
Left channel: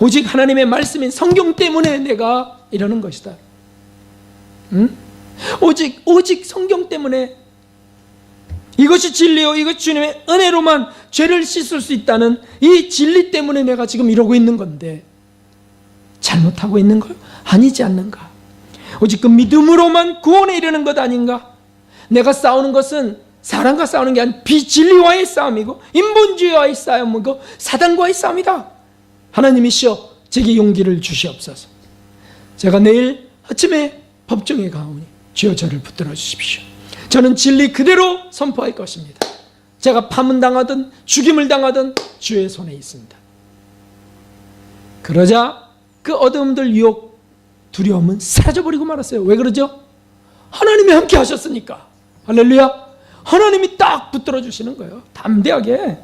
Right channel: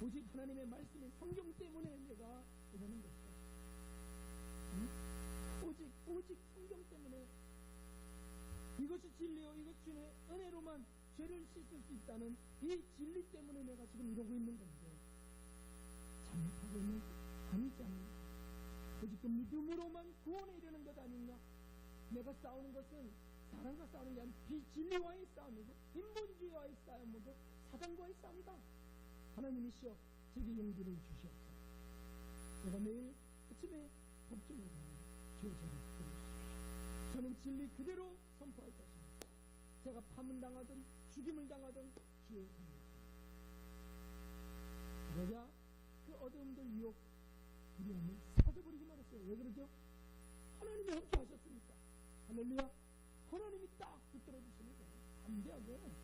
오직 하나님의 말씀인 성경 때문에 내가 이러는 것이다. 응? 오직 성경 때문에, 이것이 진리요, 이것이 주님의 은혜로만 죄를 씻을 수 있다는 이 진리 때문에 내가 지금 이러고 있는 건데 잘못하고 있는 거 아니지 않는가? 오직 그 믿음으로만 구원에 이르는 것 아닌가? 내가 싸우는 것은 사람과 싸우는 게 아니라 비진리와의 싸움이고 인본주의와의 싸움이고 사단과의 싸움이다. 하나님이시여 제게 용기를 주시옵소서. 제가 내일 아침에 법정에 가오니 주여 저를 붙들어 주십시오. 저는 진리 그대로 선포할 것입니다. 제가 파문당하든 죽임을 당하든 주의 손에 있습니다. 그러자 그 어둠들, 유혹, 두려움은 사라져버리고 말았어요. 왜 그러죠? 하나님이 함께 하셨으니까. 할렐루야. 하나님이 딱 붙들어 주시는 거예요. 담대하게.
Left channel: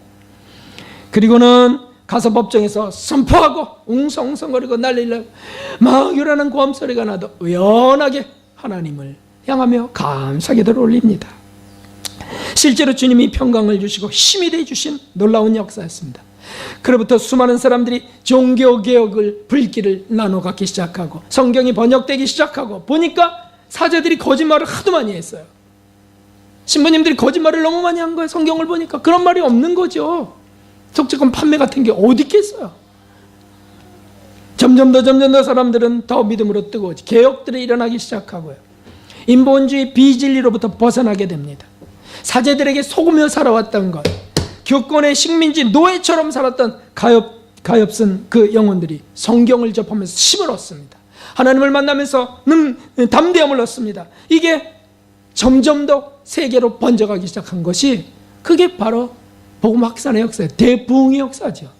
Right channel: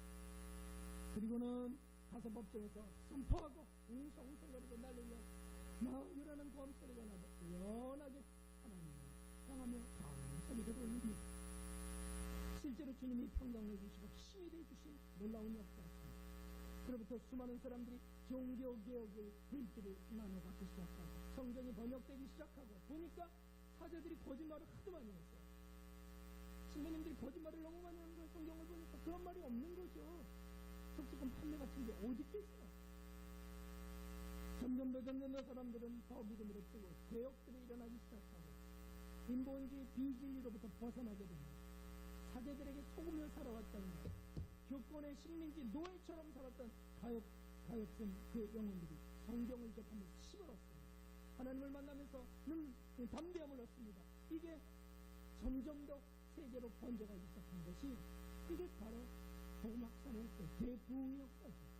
그리고는 가서 법정에서 선포하고 웅성웅성거리고 난리를 막 요란한 고함소리가 나도 의연하게 하나님을 향하며 감사기도를 올립니다. 실제로 주님이 평강을 주시고 힘이 되어주신 놀라운 역사였습니다. 그로부터 수많은 사람들이 종교개혁을 불길을 나눠 갖기 시작하고 성경이 번역되기 시작하고, 보니까 사제들이 거짓말을 하도 많이 했어요. 신부님들이 거짓말을 너무 많이 한 거예요. 성경을 보니까 그런 말이 없는 거죠. 속죄권 판매 같은 게 어디 있겠어요. 점점 더 사람들은 더 믿음으로 뜨거워지, 개혁들이 일어나기 시작하고요. 인본주의 비진리로부터 벗어나게 됩니다. 사제들에게 속으며 살아왔던 것, 교권의 식민지 노예처럼 살았던 가엾은 그 영혼들이 성경을 접하면서 힘을 얻습니다. 하나님을 만나면서 담대함을 얻습니다. 이게 점점 더 세계로 번져가기 시작한 것이, 그게 바로 복음 확산의 역사예요. 대부흥의 역사죠.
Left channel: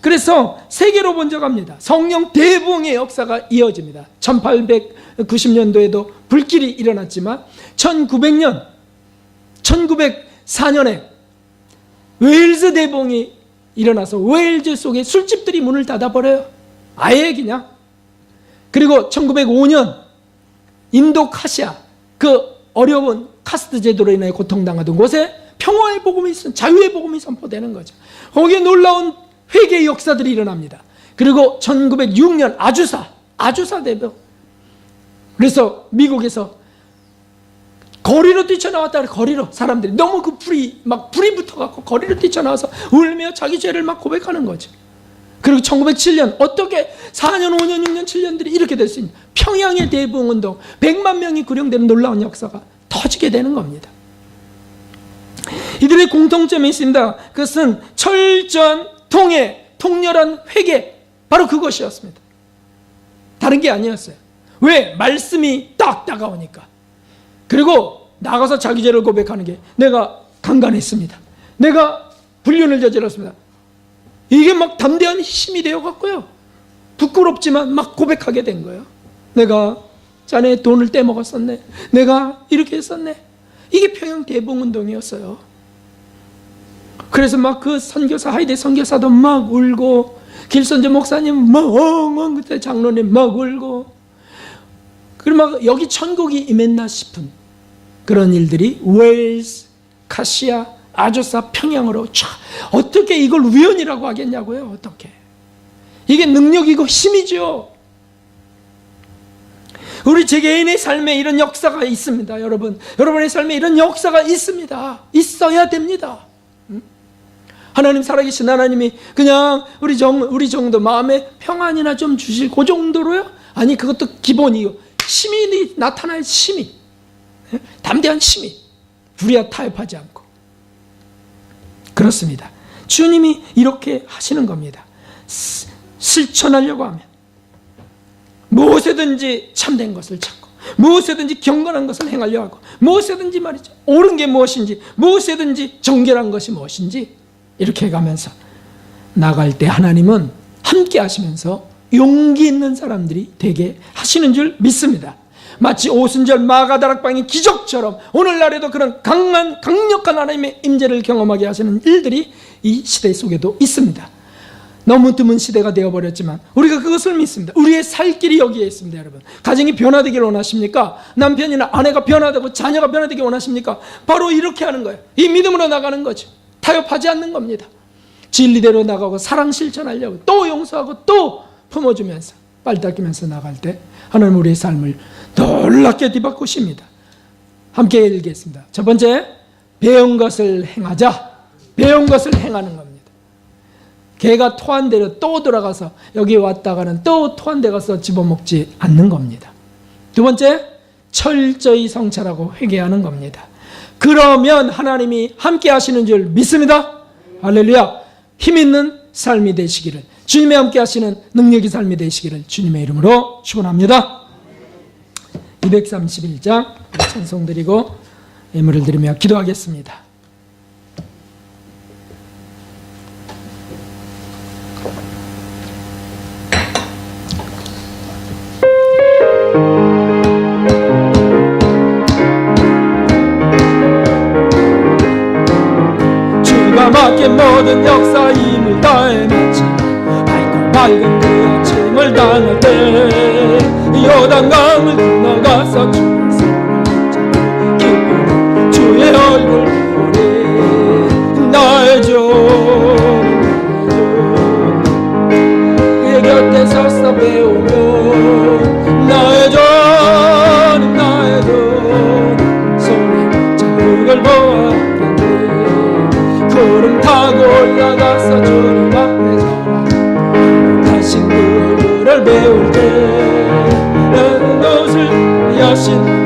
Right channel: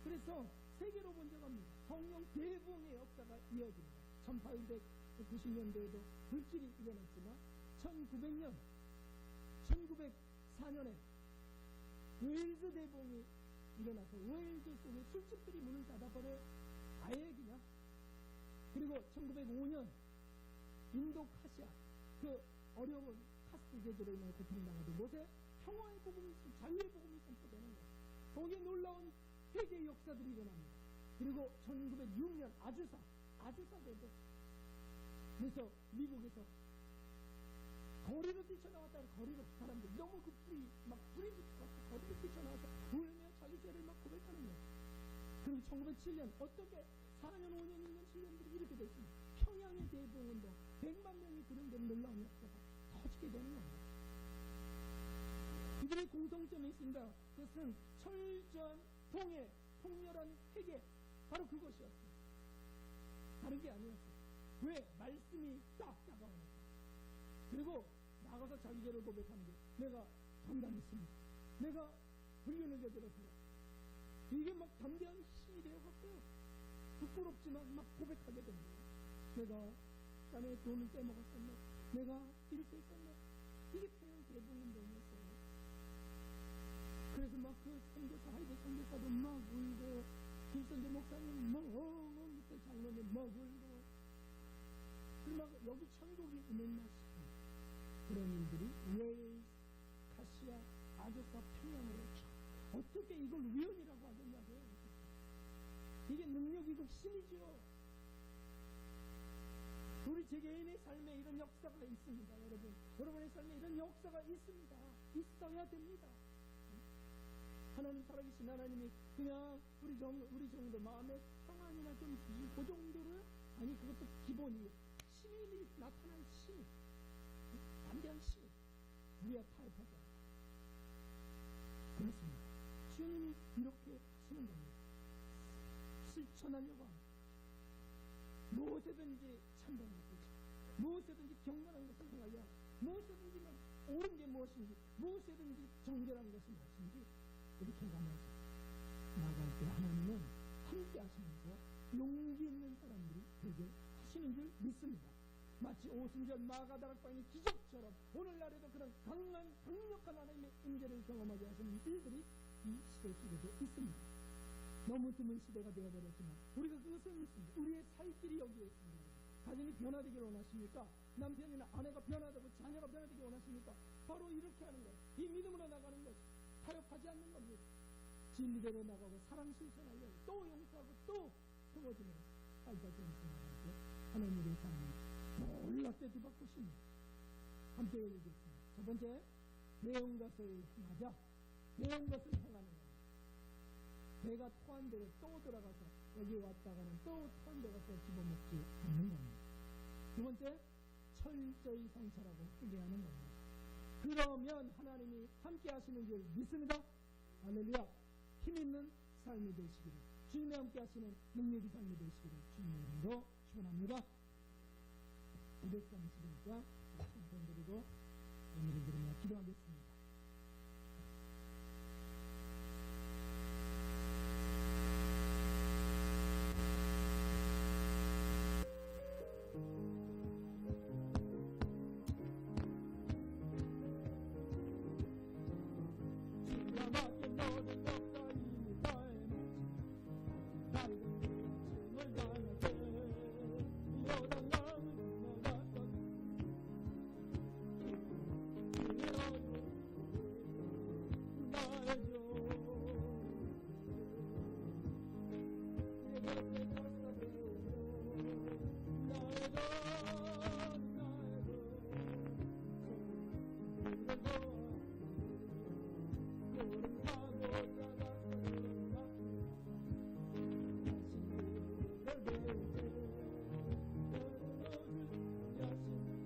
그래서 세계로 번져갑니다. 성령 대부흥의 역사가 이어집니다. 1890년도에도 불길이 일어났지만 1904년에 웨일즈 대부흥이 일어나서 웨일즈 속에 술집들이 문을 닫아버려요. 아예 그냥. 그리고 1905년 인도 카시아, 그 어려운 카스트 제도로 인해 고통당하던 곳에 평화의 복음이, 자유의 복음이 선포되는 거죠. 거기에 놀라운 회개의 역사들이 일어납니다. 그리고 1906년 아주사 대병. 그래서 미국에서 거리로 뛰쳐나왔다. 거리로 사람들이 너무 그 불이 붙어갖고 거리로 뛰쳐나와서 울며 자기 죄를 막 고백하는 거죠. 그리고 1907년 어떻게 4년, 5년, 6년, 7년들이 이렇게 될 수 있는, 평양의 대부흥운동, 100만 명이 구령되는 놀라운 역사가 터지게 되는 겁니다. 이들의 공통점이 있습니다. 그것은 철저한 통해, 통렬한 회개, 바로 그것이었습니다. 다른 게 아니었어요. 왜? 말씀이 딱 다가오니까. 그리고 나가서 자기 죄를 고백하는 게, 내가 강간했습니다, 내가 불륜을 저질렀습니다, 이게 막 담대한 힘이 되어갖고요, 부끄럽지만 막 고백하게 된 거예요. 내가 자네 돈을 떼먹었었네, 내가 이렇게 했었네. 이게 평양 대부흥운동이었어요. 그래서 막 그 선교사, 하이데 선교사도 막 울고, 길선재 목사님 막 엉엉, 그때 장로님 막 울고, 그리고 막 여기 천국이 임했나 싶은 그런 일들이 웨일스, 카시아, 아조사, 평양으로 쫙. 어떻게 이걸 우연이라고 하겠냐고요. 어떻게. 이게 능력이고 힘이죠. 우리 개인의 삶에 이런 역사가 있습니다. 여러분의 삶에 이런 역사가 있습니다. 있어야 됩니다. 하나님, 살아계신 하나님이 그냥 우리 정도 마음에 평안이나 좀 주실 그 정도로요? 아니, 그것도 기본이요. 힘이 나타나야, 힘이. 담대한 힘이. 불의와 타협하지 않고. 그렇습니다. 주님이 이렇게 하시는 겁니다. 실천하려고 하면 무엇이든지 참된 것을 찾고, 무엇이든지 경건한 것을 행하려고 하고, 무엇이든지 말이죠, 옳은 게 무엇인지, 무엇이든지 정결한 것이 무엇인지, 이렇게 해가면서 나갈 때 하나님은 함께 하시면서 용기 있는 사람들이 되게 하시는 줄 믿습니다. 마치 오순절 마가다락방의 기적처럼 오늘날에도 그런 강력한 하나님의 임재를 경험하게 하시는 일들이 이 시대 속에도 있습니다. 너무 드문 시대가 되어버렸지만 우리가 그것을 믿습니다. 우리의 살 길이 여기에 있습니다. 여러분, 가정이 변화되기를 원하십니까? 남편이나 아내가 변화되고 자녀가 변화되기 원하십니까? 바로 이렇게 하는 거예요. 이 믿음으로 나가는 거죠. 타협하지 않는 겁니다. 진리대로 나가고 사랑 실천하려고, 또 용서하고 또 품어주면서 빨리 닦이면서 나갈 때 하나님 우리의 삶을 놀랍게 뒤바꾸십니다. 함께 읽겠습니다. 첫 번째, 배운 것을 행하자. 배운 것을 행하는 겁니다. 개가 토한 대로 또 돌아가서 여기 왔다가는 또 토한 데 가서 집어먹지 않는 겁니다. 두 번째, 철저히 성찰하고 회개하는 겁니다. 그러면 하나님이 함께 하시는 줄 믿습니다. 할렐루야. 힘 있는 삶이 되시기를, 주님의 함께 하시는 능력의 삶이 되시기를 주님의 이름으로 축원합니다. 231장 찬송 드리고 예물을 드리며 기도하겠습니다. 주가 맡긴 모든 역사 힘을 다해 마치 밝은 그 아침을 당할 때 요단강을 건너가서 주의 손을 잡고 기쁘는 주의 얼굴 보리 나의 주 그의 곁에 서서 배우며 나의 전 나의 돈 손에 자국을 보았는데 구름 타고 올라가서 주님 앞에 서라 다신 그 얼굴을 배울 때 나는 옷을 여신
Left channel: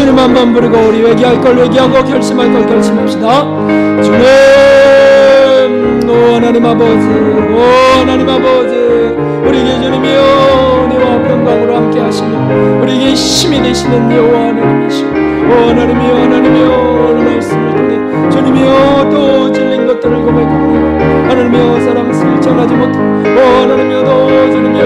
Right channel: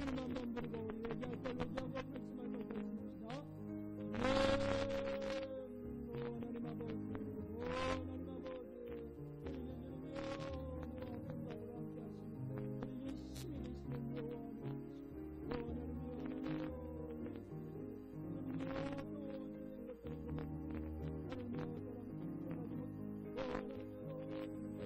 주님 한번 부르고 우리 회개할 걸 회개하고 결심할 걸 결심합시다. 주님, 오 하나님 아버지, 오 하나님 아버지, 우리에게 주님이여 은혜와 평강으로 함께 하시며 우리에게 힘이 되시는 여호와 하나님이시오. 오 하나님이여, 하나님이여, 오늘 말씀을 통해 주님이여 또 질린 것들을 고백합니다. 하나님이여 사랑을 전하지 못하고, 오 하나님이여 또 주님이여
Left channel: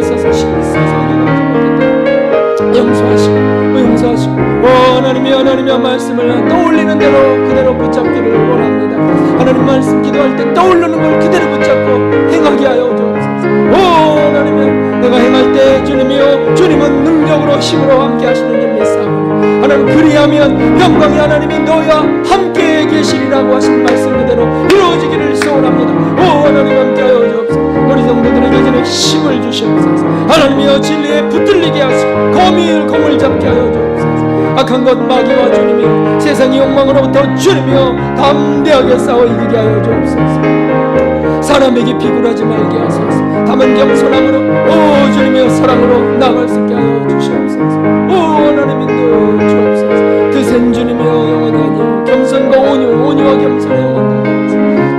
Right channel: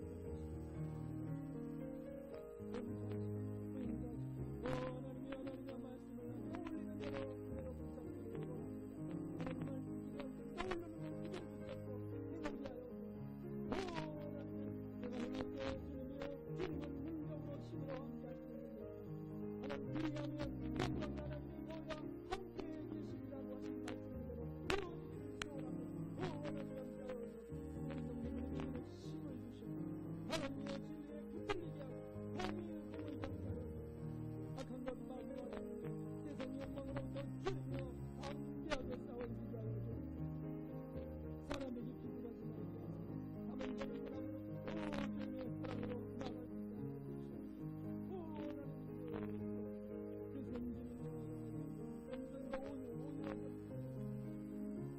애써서 세상에 가지 못했다 용서하시고 용서하시고, 오 하나님이여, 하나님이여 말씀을 떠올리는 대로 그대로 붙잡기를 원합니다. 하나님 말씀 기도할 때 떠오르는 걸 그대로 붙잡고 행하게 하여 주옵소서. 오 하나님이여, 내가 행할 때 주님이여 주님은 능력으로 힘으로 함께 하시는 줄 믿사오니 하나님 그리하면 영광의 하나님이 너희와 함께 계시리라고 하신 말씀 그대로 이루어지기를 소원합니다. 오 하나님 함께하여 주옵소서. 우리 성도들에게 주는 힘을 주시옵소서. 하나님이여 진리에 붙들리게 하시고 검을 잡게 하여 주옵소서. 악한 것 마귀와 주님이여 세상의 욕망으로부터 주님이여 담대하게 싸워 이기게 하여 주옵소서. 사람에게 비굴하지 말게 하소서. 다만 겸손함으로 오 주님이여 사랑으로 나아갈 수 있게 하여 주시옵소서. 오 하나님 인도해 주옵소서. 드센 주님이여 영원히 아니요 겸손과 온유와 겸손의 영원히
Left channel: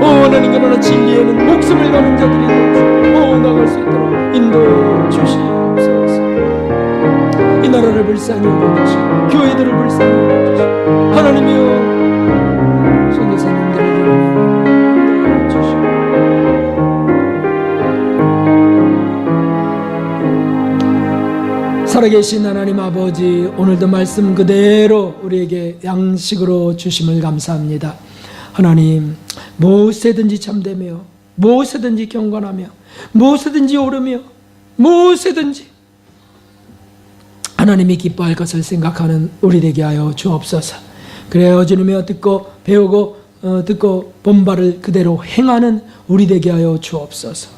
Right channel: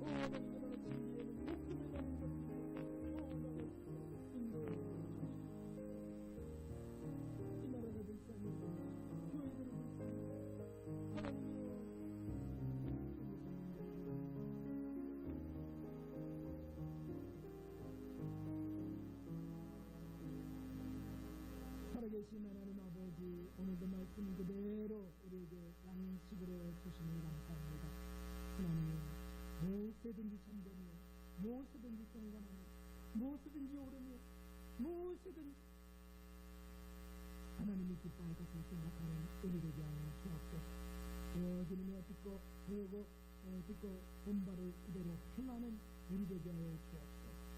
오 하나님 그러나 진리에는 목숨을 거는 자들이 되어서 오 나갈 수 있도록 인도해 주시옵소서. 이 나라를 불쌍히 여겨주시고 교회들을 불쌍히 여겨주시고 하나님이여 선교사님들을 인도해 주시고 살아계신 하나님 아버지, 오늘도 말씀 그대로 우리에게 양식으로 주심을 감사합니다. 하나님, 무엇에든지 참되며 무엇에든지 경건하며 무엇에든지 오르며 무엇에든지 하나님이 기뻐할 것을 생각하는 우리 되게 하여 주옵소서. 그래요 주님이여 듣고 배우고 듣고 본 바를 그대로 행하는 우리 되게 하여 주옵소서.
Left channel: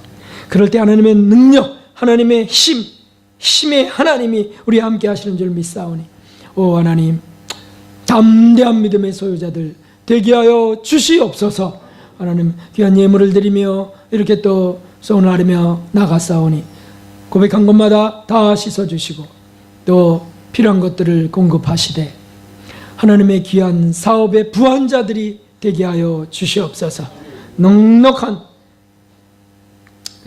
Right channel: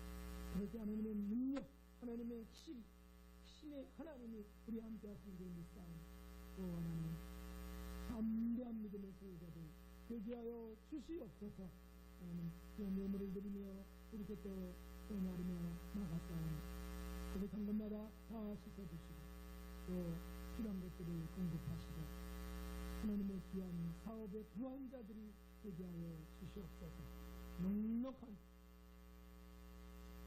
그럴 때 하나님의 능력, 하나님의 힘의 하나님이 우리 함께 하시는 줄 믿사오니 오 하나님 담대한 믿음의 소유자들 되게 하여 주시옵소서. 하나님 귀한 예물을 드리며 이렇게 또 소원을 하며 나가사오니 고백한 것마다 다 씻어주시고 또 필요한 것들을 공급하시되 하나님의 귀한 사업의 부한자들이 되게 하여 주시옵소서. 넉넉한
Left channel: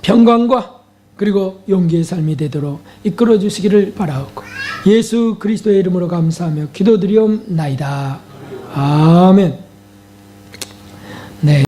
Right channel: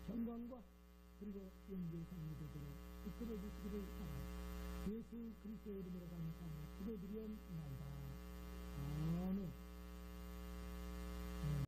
평강과 그리고 용기의 삶이 되도록 이끌어 주시기를 바라옵고 예수 그리스도의 이름으로 감사하며 기도드리옵나이다. 아멘. 네.